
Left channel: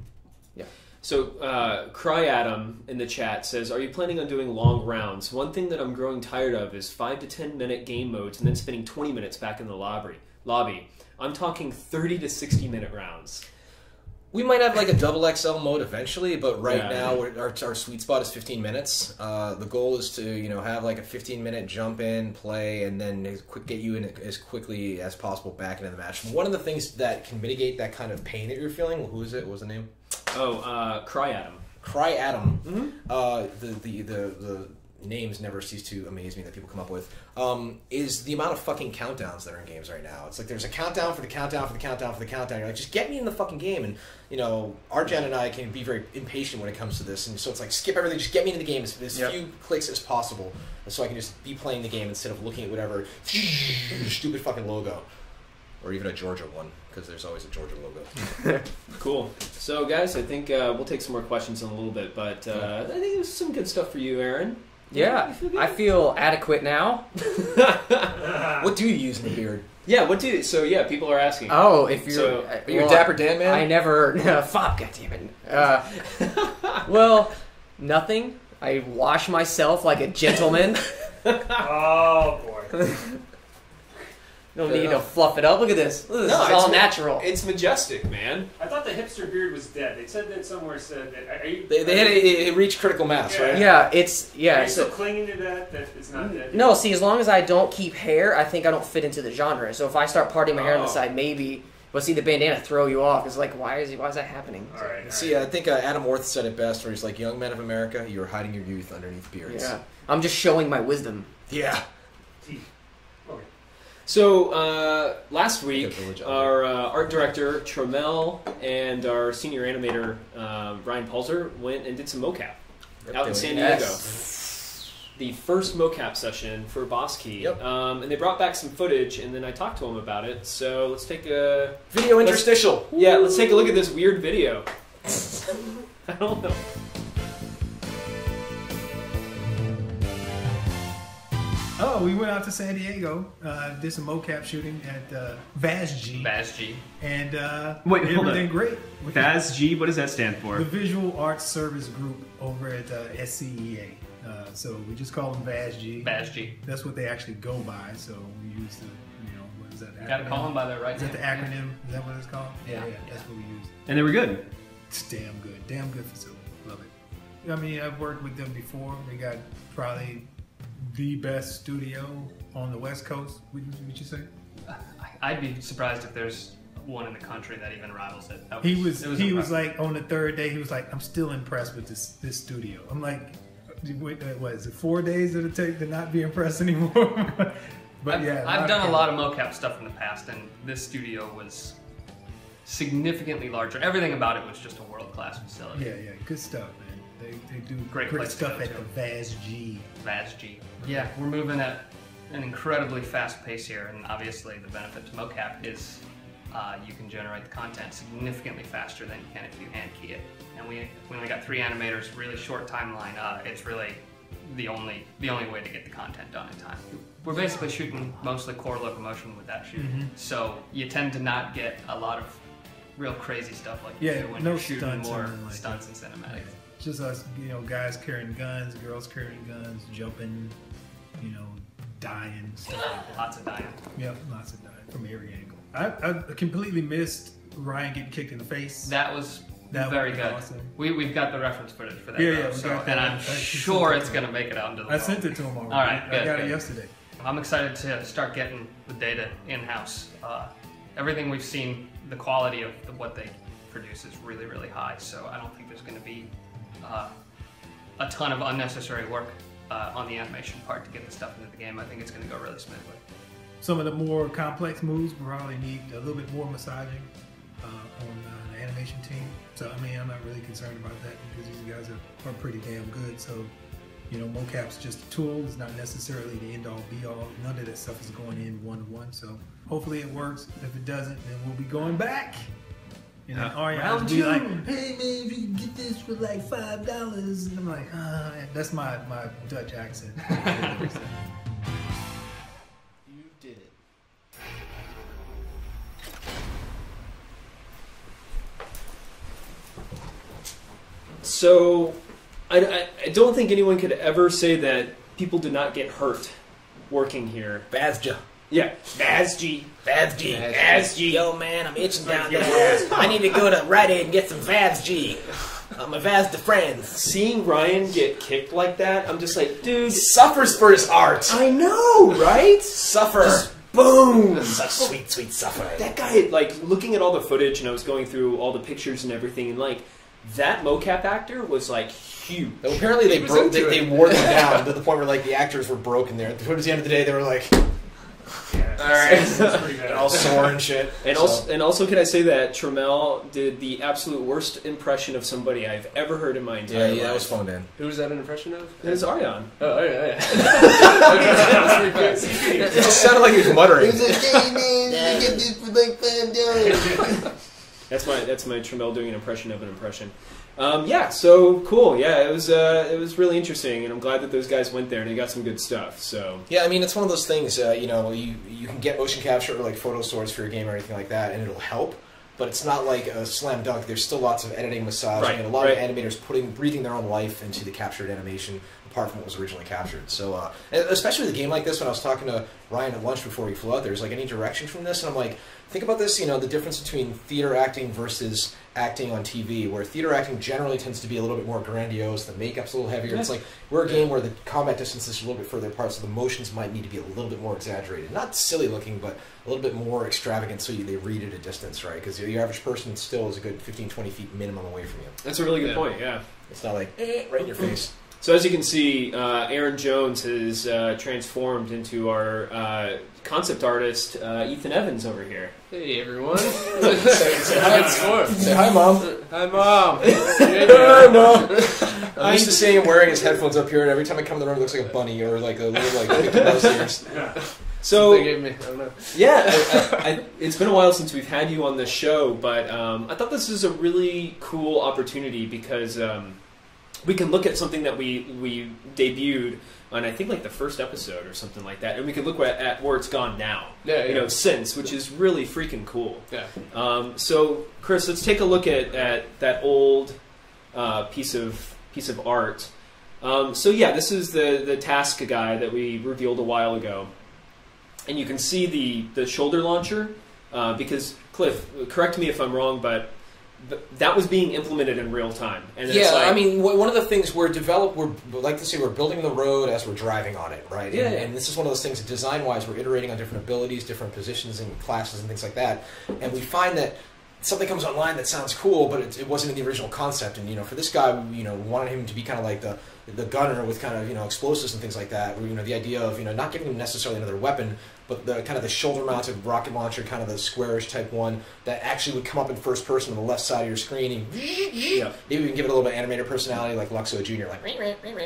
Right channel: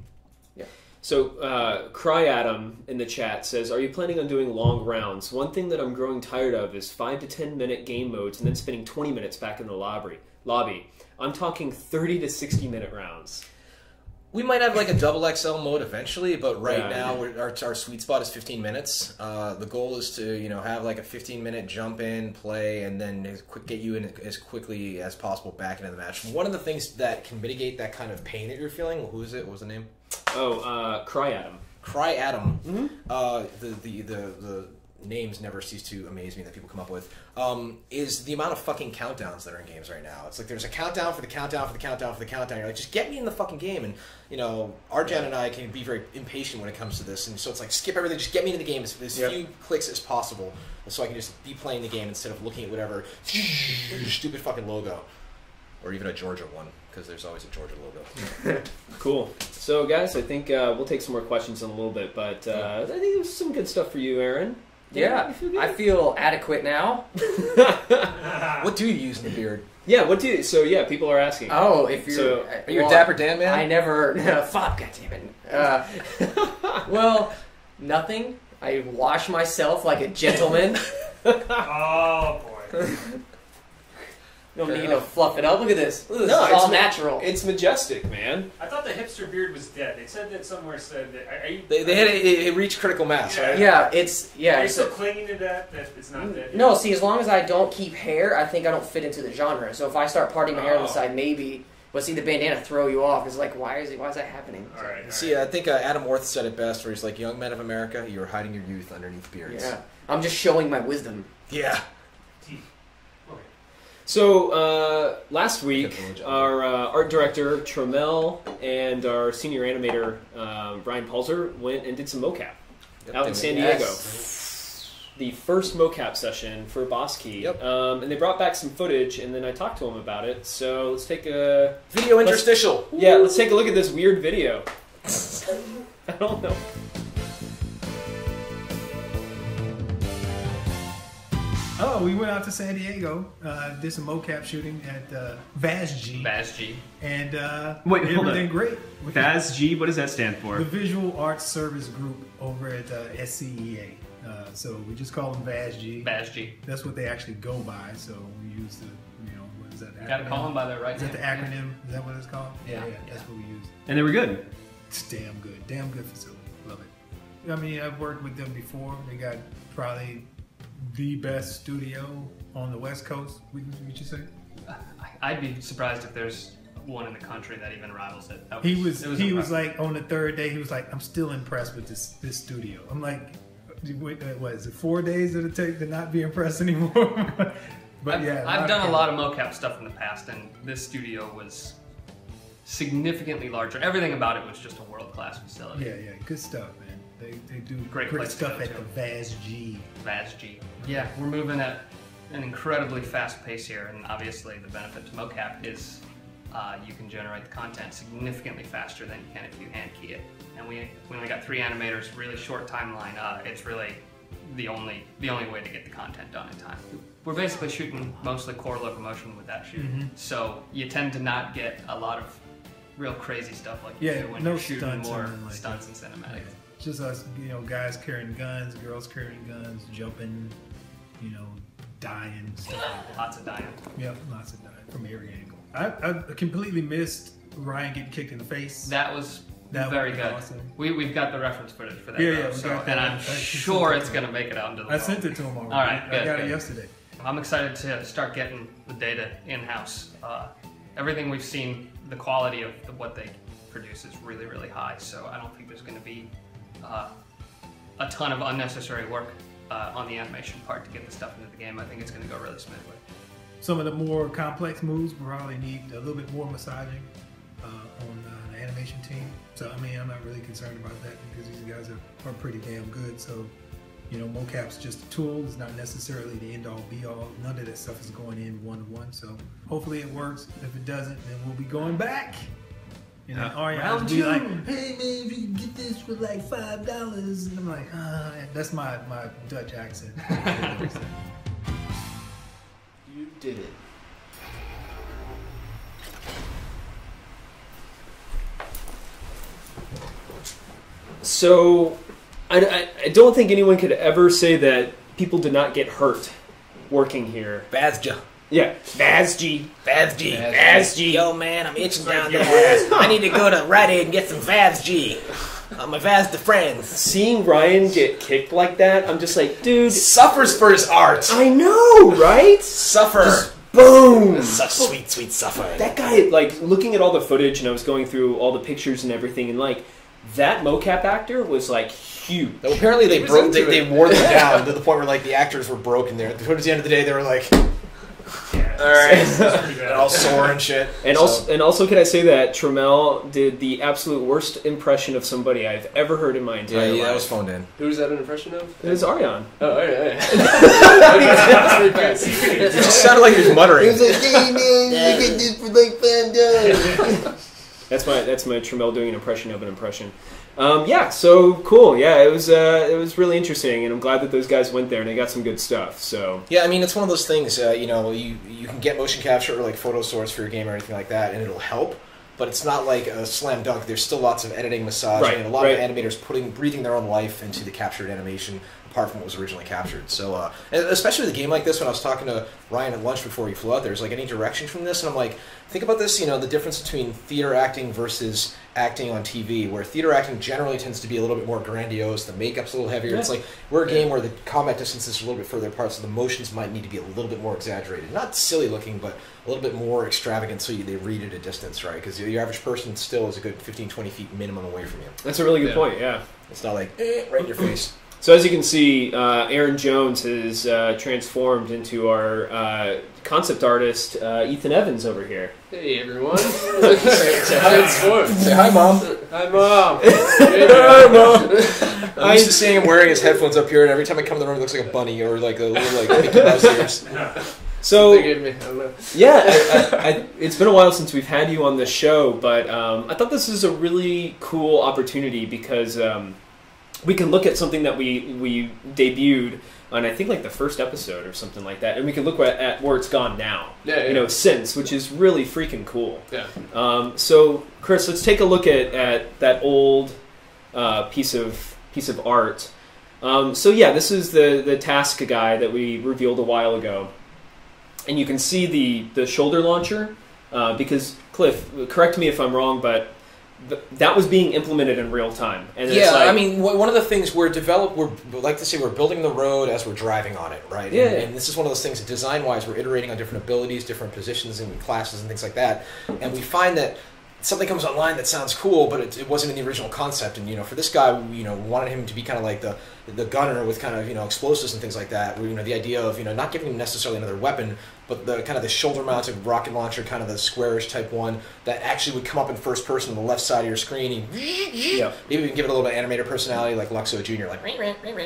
Yeah. So, Cry Adam in the chat says, are you planning on doing long rounds? One thing that I'm growing tired of is 5 to 10 minute game modes and then spending 20 minutes back in the lobby. I'm talking 30 to 60 minute rounds. We might have like a double XL mode eventually, but right now our sweet spot is 15 minutes. The goal is to, you know, have like a 15-minute jump in, play, and then get you in as quickly as possible back into the match. One of the things that can mitigate that kind of pain that you're feeling, who is it? What was the name? Cry Adam. Cry Adam. The names never cease to amaze me that people come up with, is the amount of fucking countdowns that are in games right now. It's like there's a countdown for the countdown for the countdown for the countdown. You're like, just get me in the fucking game. And, you know, Arjan and I can be very impatient when it comes to this. And so it's like, skip everything, just get me into the game as few clicks as possible. And so I can just be playing the game instead of looking at whatever stupid fucking logo. Or even a Georgia one, because there's always a Georgia logo. Cool. So, guys, I think we'll take some more questions in a little bit, but I think there's some good stuff for you, Aaron. Yeah, I feel adequate now. What do you use in the beard? Yeah, what do you... So, yeah, people are asking. Oh, if you're... Are you a Dapper Dan man? I never... fuck, goddammit. Well, nothing. I wash myself like a gentleman. Oh, boy. No need to fluff it up. Look at this. This is all natural. It's majestic, man. I thought the hipster beard was dead. They said that somewhere said that. They had it reached critical mass, right? Yeah, it's... Yeah, Are you still clinging to that it's not dead? No, see, as long as I don't keep hair, I think I don't fit into the genre. So if I start parting my hair on the side, maybe... But see, the bandana throw you off. It's like, why is that happening? All right. See, I think Adam Orth said it best, where he's like, young men of America, you're hiding your youth underneath beards. Yeah. I'm just showing my wisdom. Yeah. Teeth. Okay. So, last week, our art director, Tromel, and our senior animator, Ryan Palzer, went and did some mocap out in San Diego. Yes. The first mocap session for Boss Key. Yep. And they brought back some footage, and then I talked to him about it. So let's take a... Video interstitial. Let's take a look at this weird video. I don't know. Oh, we went out to San Diego, did some mocap shooting at VASG. And Wait, hold everything on. great. VASG, what does that stand for? The Visual Arts Service Group over at SCEA. So we just call them VASG. VASG. That's what they actually go by. So we use the, what is that? You gotta call them by their right Is that the name. acronym? Is that what it's called? Yeah. That's what we use. And they were good. It's damn good. Damn good facility. Love it. I mean, I've worked with them before. They got probably the best studio on the West Coast, would you say? I'd be surprised if there's one in the country that even rivals it. He was impressive. like, on the third day, he was like, I'm still impressed with this studio. I'm like, what is it, 4 days it'll take to not be impressed anymore? But I've done a lot of mocap stuff in the past, and this studio was significantly larger. Everything about it was just a world-class facility. Yeah, good stuff, man. They do Great great place to stuff go at to. the VAS-G. VAS-G. Yeah, we're moving at an incredibly fast pace here, and obviously the benefit to mocap is you can generate the content significantly faster than you can if you hand key it. And we only got 3 animators, really short timeline. It's really the only way to get the content done in time. We're basically shooting mostly core locomotion with that shoot, so you tend to not get a lot of real crazy stuff like you do when no you're shooting stunts more and like stunts and cinematics. Yeah. Just us, guys carrying guns, girls carrying guns, jumping, dying, stuff like that. Lots of dying. Yep, lots of dying from every angle. I completely missed Ryan getting kicked in the face. That was That very would be good. awesome. We've got the reference footage for that. Yeah, though, yeah, we so, got that. and I'm I sure sent it it's to going to make it out into the I world. sent it to him already. All right, I good, got it good. yesterday. I'm excited to start getting the data in-house. Everything we've seen, the quality of what they produce is really, really high. So I don't think there's going to be a ton of unnecessary work on the animation part to get the stuff into the game. I think it's going to go really smoothly. Some of the more complex moves probably need a little bit more massaging on the animation team. So, I mean, I'm not really concerned about that because these guys are pretty damn good. So, mocap's just a tool. It's not necessarily the end-all, be-all. None of that stuff is going in one-to-one. So, hopefully it works. If it doesn't, then we'll be going back. Ariana will be like, hey, man, if you can get this for like $5. And I'm like, that's my Dutch accent. You did it. So, I don't think anyone could ever say that people did not get hurt working here. Bazja. Yeah, VAS-G. VAS-G. Yo, man, I'm itching down there. I need to go to Rite Aid and get some VAS-G. My Vaz de friends. Seeing Ryan get kicked like that, I'm just like, dude. Suffers for his art. I know, right? Suffer. Just boom. Such sweet, sweet suffering. That guy, like, looking at all the footage, and I was going through all the pictures and everything, and like, that mocap actor was like huge. Well, apparently they broke. They wore them down to the point where like the actors were broken there. Towards the end of the day, they were like, Yeah, all right, it's pretty bad. and all sore and shit. And also, can I say that Trammell did the absolute worst impression of somebody I've ever heard in my entire life. that was phoned in. Who's that an impression of? It was Ariane. Oh, yeah. It just sounded like he was muttering. That's my Trammell doing an impression of an impression. So cool. Yeah, it was really interesting, and I'm glad that those guys went there and they got some good stuff. So Yeah, I mean, it's one of those things, you can get motion capture or like photo source for your game or anything like that, and it'll help, but it's not like a slam dunk. There's still lots of editing, massaging, Right, and a lot right. of animators breathing their own life into the captured animation, apart from what was originally captured. So, and especially with a game like this, when I was talking to Ryan at lunch before we flew out there, there's like any direction from this, and I'm like, think about this, the difference between theater acting versus acting on TV, where theater acting generally tends to be a little bit more grandiose, the makeup's a little heavier. Yeah. It's like, we're a game where the combat distances are a little bit further apart, so the motions might need to be a little bit more exaggerated. Not silly looking, but a little bit more extravagant so they read at a distance, right? Because your average person still is a good 15, 20 feet minimum away from you. that's a really good Yeah. point. Yeah. It's not like, right in your face. So as you can see, Aaron Jones has transformed into our concept artist, Ethan Evans over here. Hey, everyone. Say Hi, hi. it's Storm. Say hi, Mom. Hi, Mom. Hi, Mom. I'm used to seeing him wearing his headphones up here, and every time I come in the room, it looks like a bunny or like a little like Mickey Mouse ears. So They gave me, I don't know. yeah, it's been a while since we've had you on the show, but I thought this is a really cool opportunity because we can look at something that we debuted on, I think, like the first episode or something like that, and we can look at where it's gone now. Yeah. Since, which is really freaking cool. Yeah. So, Chris, let's take a look at that old piece of art. This is the task guy that we revealed a while ago. And you can see the shoulder launcher, because, Cliff, correct me if I'm wrong, but that was being implemented in real time. And Yeah, I mean, one of the things we're building the road as we're driving on it, right? Yeah. And this is one of those things that design-wise, we're iterating on different abilities, different positions and classes and things like that. And we find that something comes online that sounds cool, but it wasn't in the original concept. And, for this guy, we wanted him to be kind of like the gunner with kind of, explosives and things like that. Where, the idea of, not giving him necessarily another weapon, but the kind of the shoulder-mounted rocket launcher, kind of the squarish type one that actually would come up in first person on the left side of your screen. And maybe we can give it a little bit of animator personality, like Luxo Jr., like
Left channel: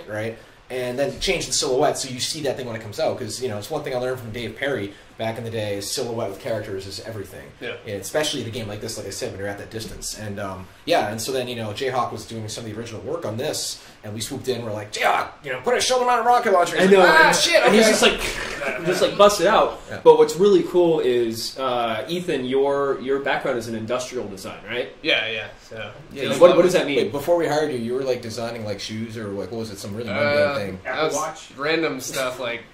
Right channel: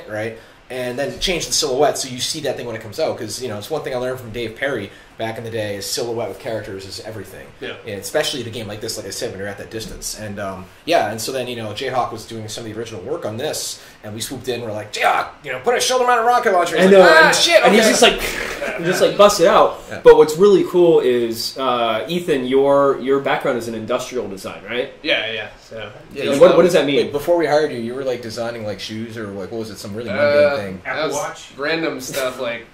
right, and then change the silhouette so you see that thing when it comes out. Because it's one thing I learned from Dave Perry back in the day is silhouette with characters is everything. Yeah. And especially at a game like this, like I said, when you're at that distance. And and so then Jayhawk was doing some of the original work on this, and we swooped in. We're like, Jayhawk, put a shoulder-mounted rocket launcher. I know. Shit. Okay. And he's just like bust it out. Yeah. But what's really cool is Ethan, your background is in industrial design, right? Yeah. So what does that mean? Wait, before we hired you were like designing like shoes or like what was it? Some really mundane thing. Apple Watch, random stuff like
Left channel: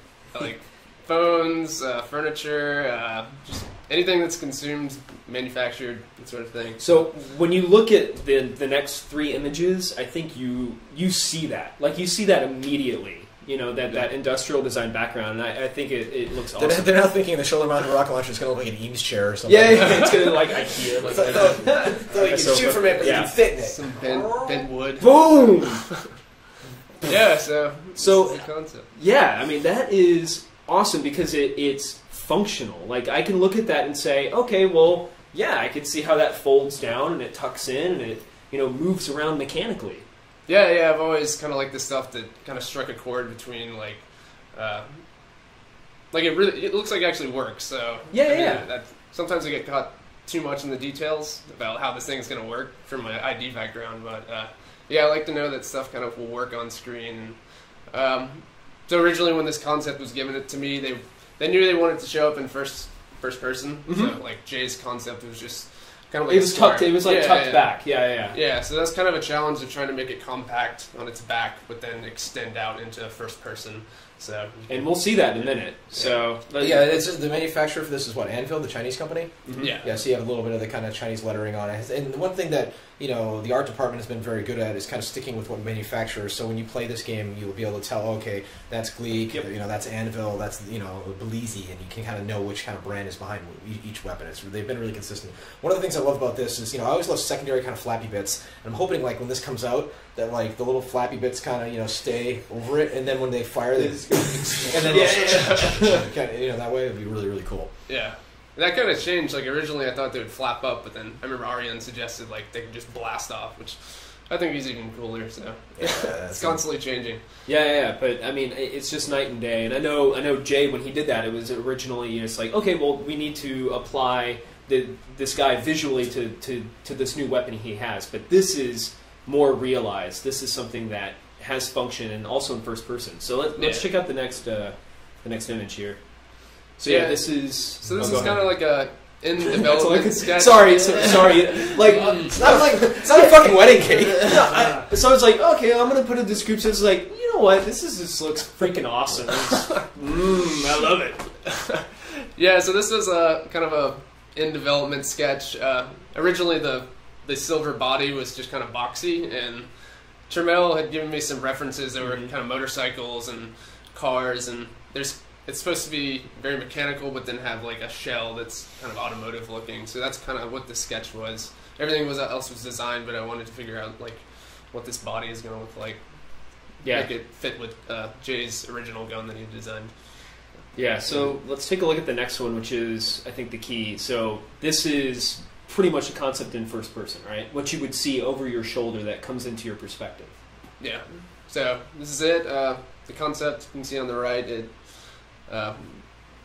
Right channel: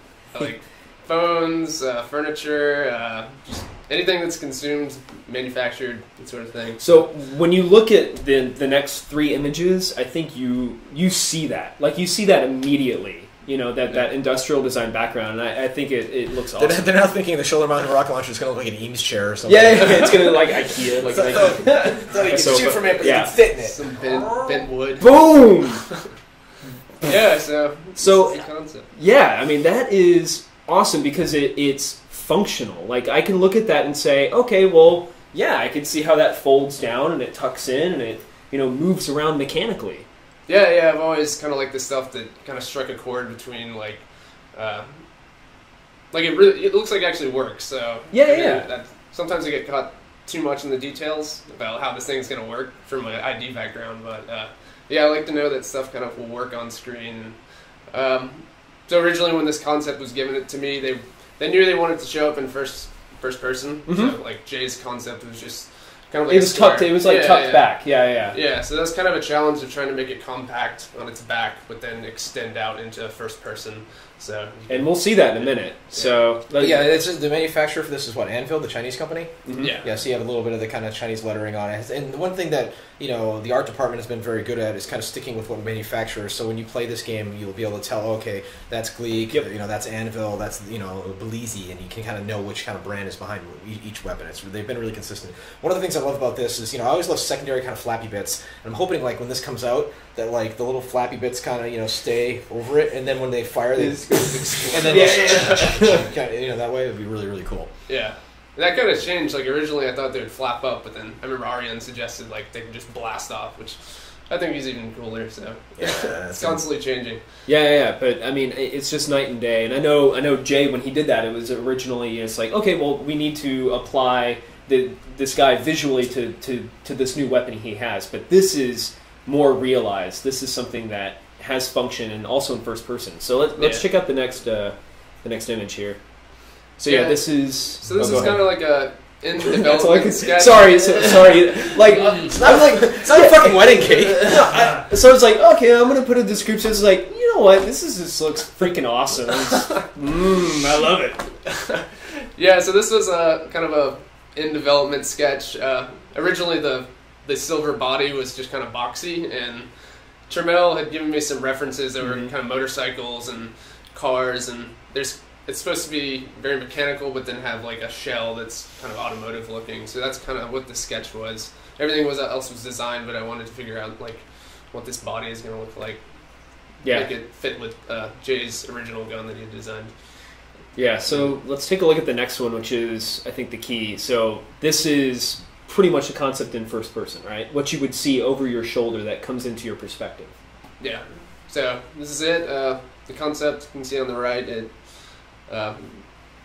phones, furniture, just anything that's consumed, manufactured, that sort of thing. So when you look at the next 3 images, I think you see that. Like you see that immediately. That industrial design background, and I think it looks awesome. They're now thinking the shoulder-mounted rocket launcher is going to look like an Eames chair or something. Yeah, it's going to look like IKEA. Like, so you can shoot from it, but you can fit in it. Some bent wood. Boom! Yeah, so the concept. Yeah, I mean, that is awesome because it's functional. Like, I can look at that and say, okay, well, yeah, I could see how that folds down and it tucks in and it, moves around mechanically. Yeah, I've always kind of liked the stuff that kind of struck a chord between it looks like it actually works. So sometimes I get caught too much in the details about how this thing's going to work from my ID background, but I like to know that stuff kind of will work on screen. So originally, when this concept was given it to me, they knew they wanted to show up in first person. Mm-hmm. So like Jay's concept was just kind of like it was tucked. It was tucked back. Yeah. Yeah, so that's kind of a challenge of trying to make it compact on its back, but then extend out into first person. So, and we'll see that in a minute. So, it's the manufacturer for this is what, Anvil, the Chinese company. Mm-hmm. Yeah. So you have a little bit of the kind of Chinese lettering on it. And the one thing that the art department has been very good at is kind of sticking with what manufacturers. So when you play this game, you'll be able to tell, okay, that's Gleek, that's Anvil, that's Belize, and you can kind of know which kind of brand is behind each weapon. They've been really consistent. One of the things I love about this is I always love secondary kind of flappy bits, and I'm hoping like when this comes out that like the little flappy bits kind of stay over it, and then when they fire, they and then that way it would be really, really cool. Yeah. And that kind of changed. Like originally I thought they would flap up, but then I remember Ariane suggested like they could just blast off, which I think is even cooler. So it's constantly changing. Yeah. But I mean, it's just night and day. And I know Jay, when he did that, it was originally it's like, okay, well, we need to apply this guy visually to this new weapon he has. But this is more realized. This is something that has function and also in first person. So let's check out the next image here. So this is kind of like a in development sketch. Sorry. Like it's not a fucking wedding cake. So it's like, okay, I'm gonna put a description. It's like, you know what? This looks freaking awesome. I love it. Yeah. So this was a kind of a in development sketch. Originally, the silver body was just kind of boxy, and Trammell had given me some references that were kind of motorcycles and cars, and it's supposed to be very mechanical, but then have like a shell that's kind of automotive looking. So that's kind of what the sketch was. Everything else was designed, but I wanted to figure out like what this body is going to look like. Yeah, make it fit with Jay's original gun that he had designed. Yeah. So let's take a look at the next one, which is I think the key. So this is pretty much a concept in first person, right? What you would see over your shoulder that comes into your perspective. Yeah. So this is it. The concept you can see on the right. It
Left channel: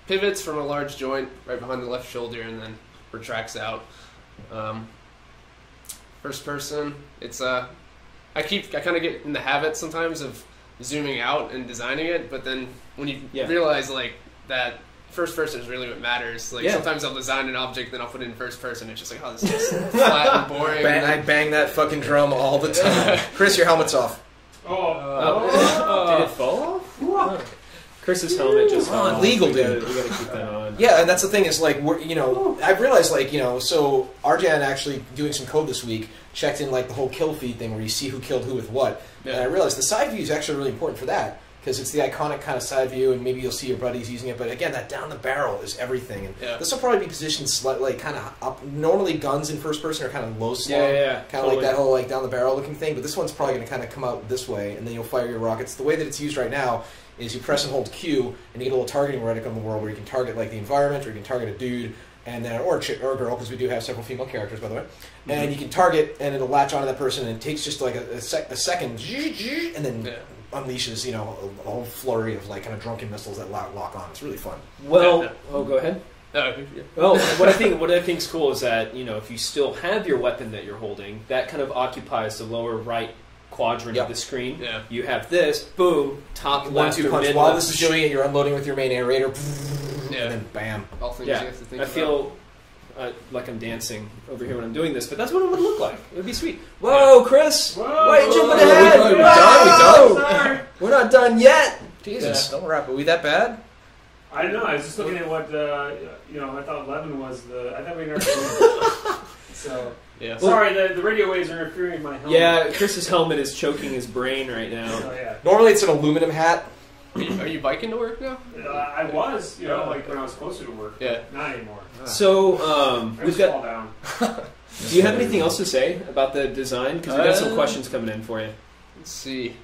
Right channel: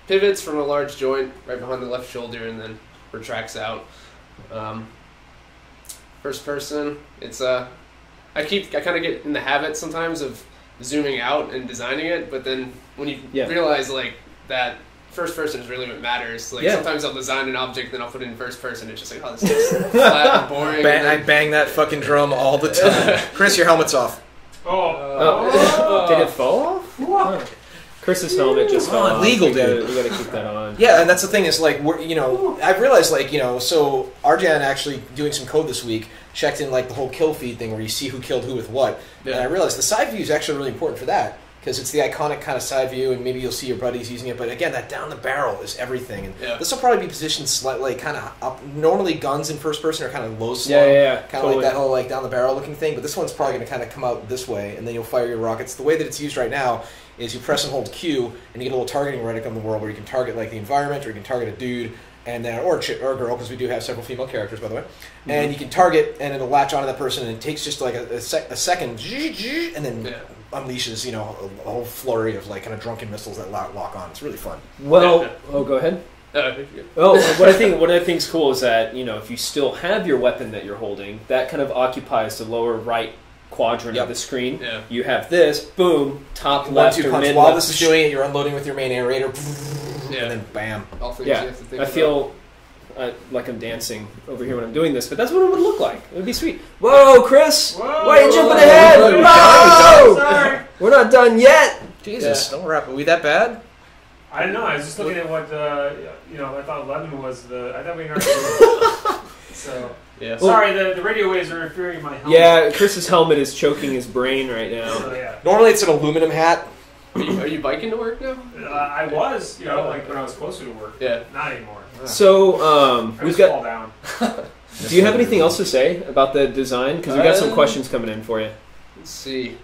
pivots from a large joint right behind the left shoulder and then retracts out. First person, it's I kind of get in the habit sometimes of zooming out and designing it, but then when you realize like that first person is really what matters. Like sometimes I'll design an object, then I'll put it in first person. It's just like, oh, this is flat and boring. I bang that fucking drum all the time. Chris, your helmet's off. Did it fall off? Chris's helmet just fell off. Illegal, dude. You gotta keep that on. Yeah, and that's the thing is like I've realized so Arjan actually doing some code this week checked in like the whole kill feed thing where you see who killed who with what, and I realized the side view is actually really important for that because it's the iconic kind of side view, and maybe you'll see your buddies using it. But again, that down the barrel is everything, and this will probably be positioned slightly kind of up. Normally, guns in first person are kind of low slung, kind of like that whole like down the barrel looking thing. But this one's probably going to kind of come out this way, and then you'll fire your rockets. The way that it's used right now is you press and hold Q, and you get a little targeting reticle in the world where you can target like the environment, or you can target a dude, and then or a girl, because we do have several female characters, by the way. And you can target, and it'll latch onto that person, and it takes just like a second, and then unleashes, you know, a whole flurry of like kind of drunken missiles that lock on. It's really fun. Well, go ahead. Well, what I think is cool is that, you know, if you still have your weapon that you're holding, that kind of occupies the lower right quadrant of the screen. Yeah. You have this, boom, top left or punch. mid While left. this is doing it, you're unloading with your main aerator, and then bam. I feel like I'm dancing over here when I'm doing this, but that's what it would look like. It would be sweet. Whoa, Chris! Whoa. Why are you jumping ahead? We're done. Sorry. We're not done yet. Jesus, don't wrap. Are we that bad? I don't know. I was just looking at what I thought 11 was the. I thought we were. So sorry, the radio waves are interfering in my helmet. Yeah, Chris's helmet is choking his brain right now. So, yeah. Normally it's an aluminum hat. Are you biking to work now? I was, like when I was closer to work. Yeah. Not anymore. So we've got. Fall down. Do you have anything else to say about the design? Because we've got some questions coming in for you. Let's see.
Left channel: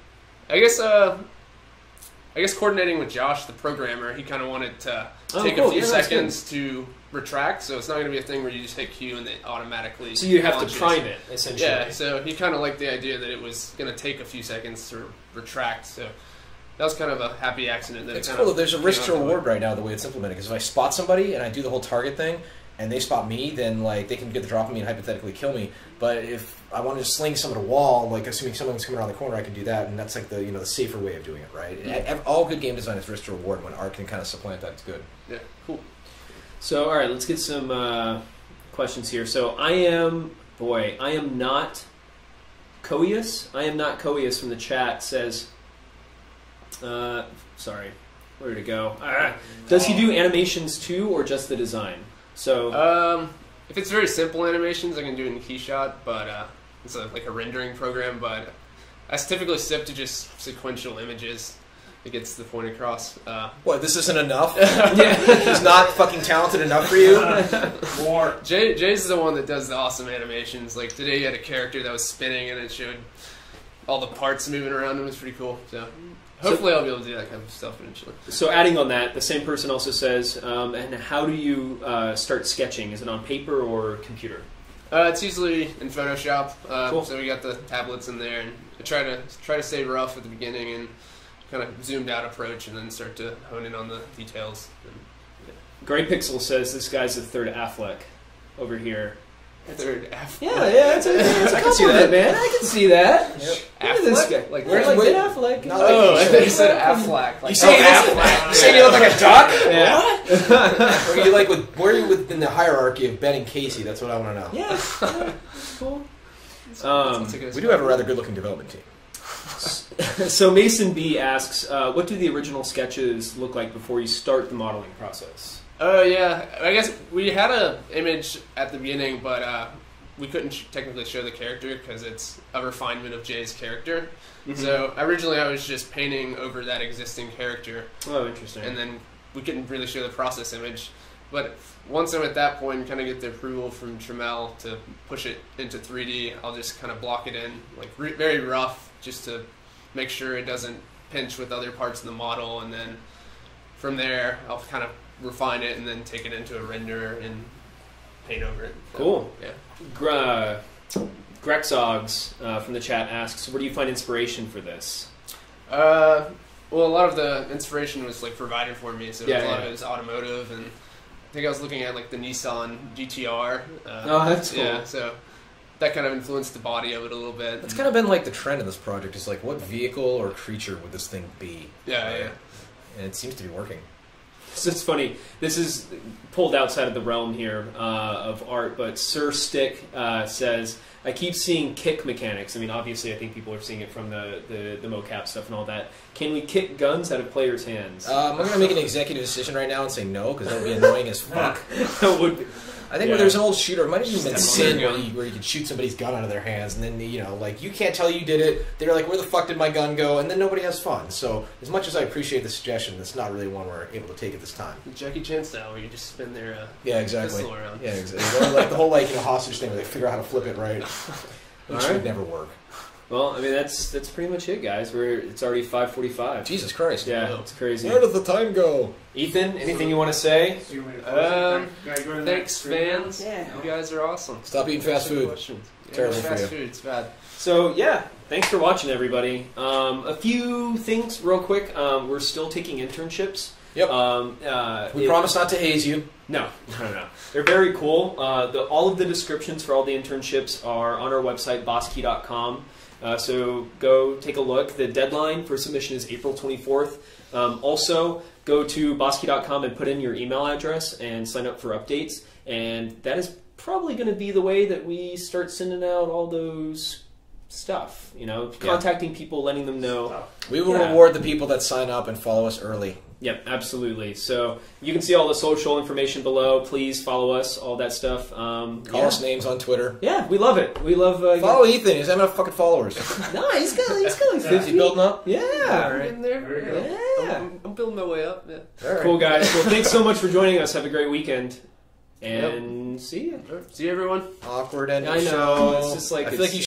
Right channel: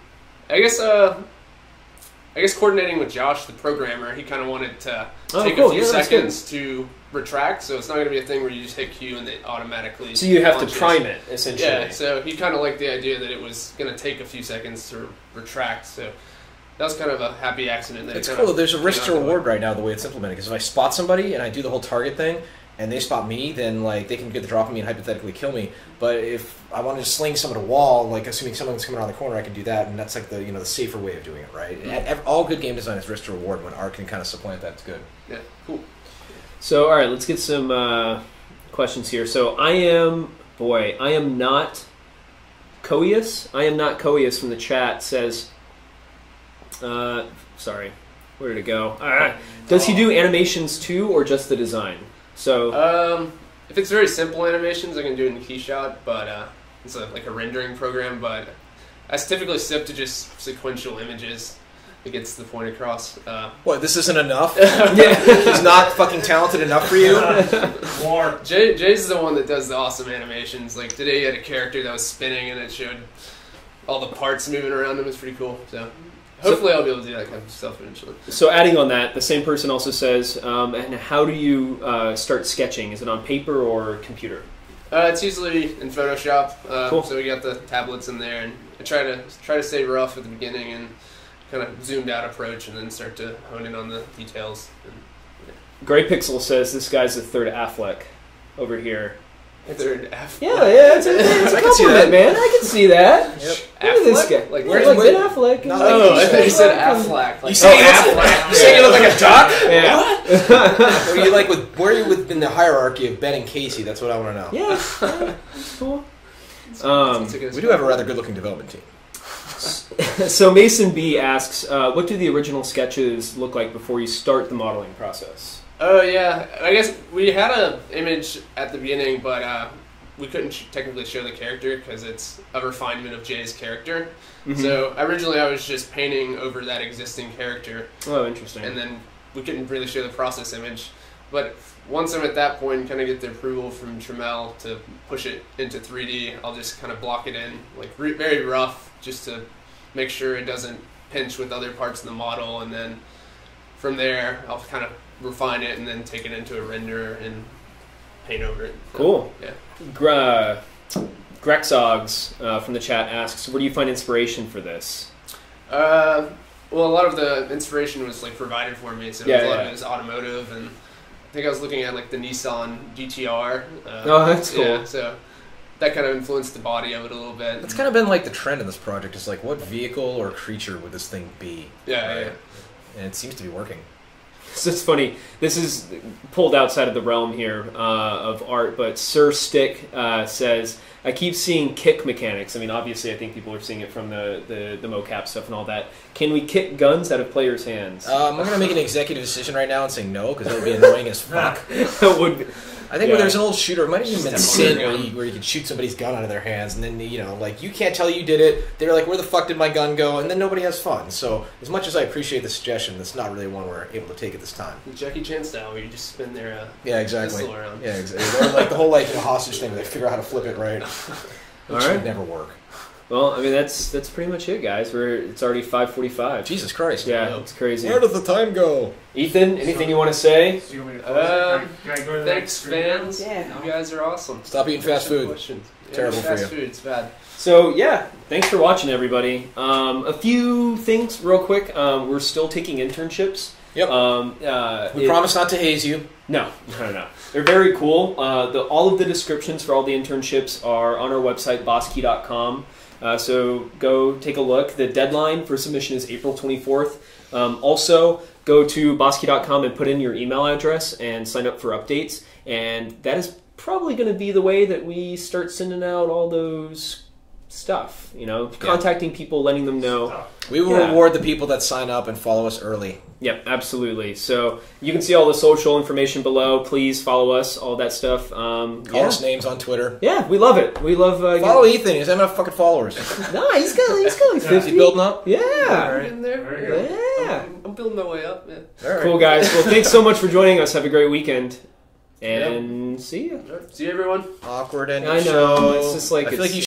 I guess coordinating with Josh, the programmer, he kind of wanted to take a few seconds to retract, so it's not going to be a thing where you just hit Q and it automatically. So you have launches. to prime it, essentially. Yeah. So he kind of liked the idea that it was going to take a few seconds to retract. So that was kind of a happy accident. That it's cool. There's a risk to reward right now the way it's implemented. Because if I spot somebody and I do the whole target thing, and they spot me, then like they can get the drop on me and hypothetically kill me. But if I want to just sling someone at a wall, like assuming someone's coming around the corner, I can do that, and that's like the the safer way of doing it, right? All good game design is risk to reward. When art can kind of supplant that, it's good. Yeah, cool. So all right, let's get some questions here. So I am not Coius. I am not Coius from the chat says. Sorry, where did it go? Does he do animations too, or just the design? So, if it's very simple animations, I can do it in KeyShot, but it's like a rendering program. But I typically stick to just sequential images. It gets the point across. What? This isn't enough? He's not fucking talented enough for you? More. Jay's the one that does the awesome animations. Like today, he had a character that was spinning, and it showed all the parts moving around him. It was pretty cool. So. Hopefully I'll be able to do that kind of stuff eventually. So adding on that, the same person also says, and how do you start sketching? Is it on paper or computer? It's usually in Photoshop. Cool. So we got the tablets in there, and I try to stay rough at the beginning and kind of zoomed out approach, and then start to hone in on the details. Gray Pixel says this guy's the third Affleck over here. Third Affleck. Yeah, it's I can see that, man. I can see that. Yep. Look at this guy. Like, where's like Ben Affleck? Not I thought you said Affleck. You saying you look like a duck? Yeah. Where are you within the hierarchy of Ben and Casey? That's what I want to know. Yeah. Cool. We do have a rather good-looking development team. So Mason B asks, what do the original sketches look like before you start the modeling process? Oh yeah, I guess we had an image at the beginning, but we couldn't technically show the character because it's a refinement of Jay's character. Mm-hmm. So originally I was just painting over that existing character. Oh, interesting. And then we couldn't really show the process image. But once I'm at that point and kind of get the approval from Tramel to push it into 3D, I'll just kind of block it in, like very rough, just to make sure it doesn't pinch with other parts of the model. And then from there, I'll kind of refine it and then take it into a renderer and paint over it. So, cool. Yeah. Grexogs from the chat asks, where do you find inspiration for this? Well, a lot of the inspiration was like provided for me, so a lot of it is automotive, and I think I was looking at like the Nissan GTR. Oh, that's cool. Yeah, so that kind of influenced the body of it a little bit. That's kind of been like the trend in this project. Is like, what vehicle or creature would this thing be? Yeah, right? yeah. And it seems to be working. So it's funny. This is pulled outside of the realm here of art, but Sir Stick says, I keep seeing kick mechanics. I mean, obviously, I think people are seeing it from the mocap stuff and all that. Can we kick guns out of players' hands? I'm going to make an executive decision right now and say no, because that would be annoying as fuck. It would be. I think there's an old shooter, it might have even been Sin, where you could shoot somebody's gun out of their hands, and then, you can't tell you did it. They're like, where the fuck did my gun go? And then nobody has fun. So, as much as I appreciate the suggestion, that's not really one we're able to take at this time. Jackie Chan style, where you just spin their exactly. pistol around. Yeah, exactly. Or like the whole hostage thing, where they figure out how to flip it right. Which would never work. Well, I mean that's pretty much it, guys. It's already 5:45. Jesus Christ. Yeah, it's crazy. Where does the time go? Ethan, anything you want to say? So you want me to close it? Can I go to the Thanks, next fans. Yeah. You guys are awesome. Stop eating fast food. Questions. Terrible for fast you. Food, it's bad. So yeah, thanks for watching, everybody. A few things real quick. We're still taking internships. Yep. We promise not to haze you. No. They're very cool. All of the descriptions for all the internships are on our website, bosskey.com. So go take a look. The deadline for submission is April 24th. Also, go to bosskey.com and put in your email address and sign up for updates. And that is probably going to be the way that we start sending out all those stuff. Contacting people, letting them know. We will reward the people that sign up and follow us early. Yep, absolutely. So you can see all the social information below. Please follow us, all that stuff. Call us names on Twitter. Yeah, we love it. We love follow Ethan. He's having enough fucking followers. No, he's going. Is he building up? Yeah. All right. In there. There you go. Yeah. I'm building my way up. Yeah. All right. Cool, guys. Well, thanks so much for joining us. Have a great weekend. And see you. See you, everyone. Awkward ending I know. show. It's just like I feel like you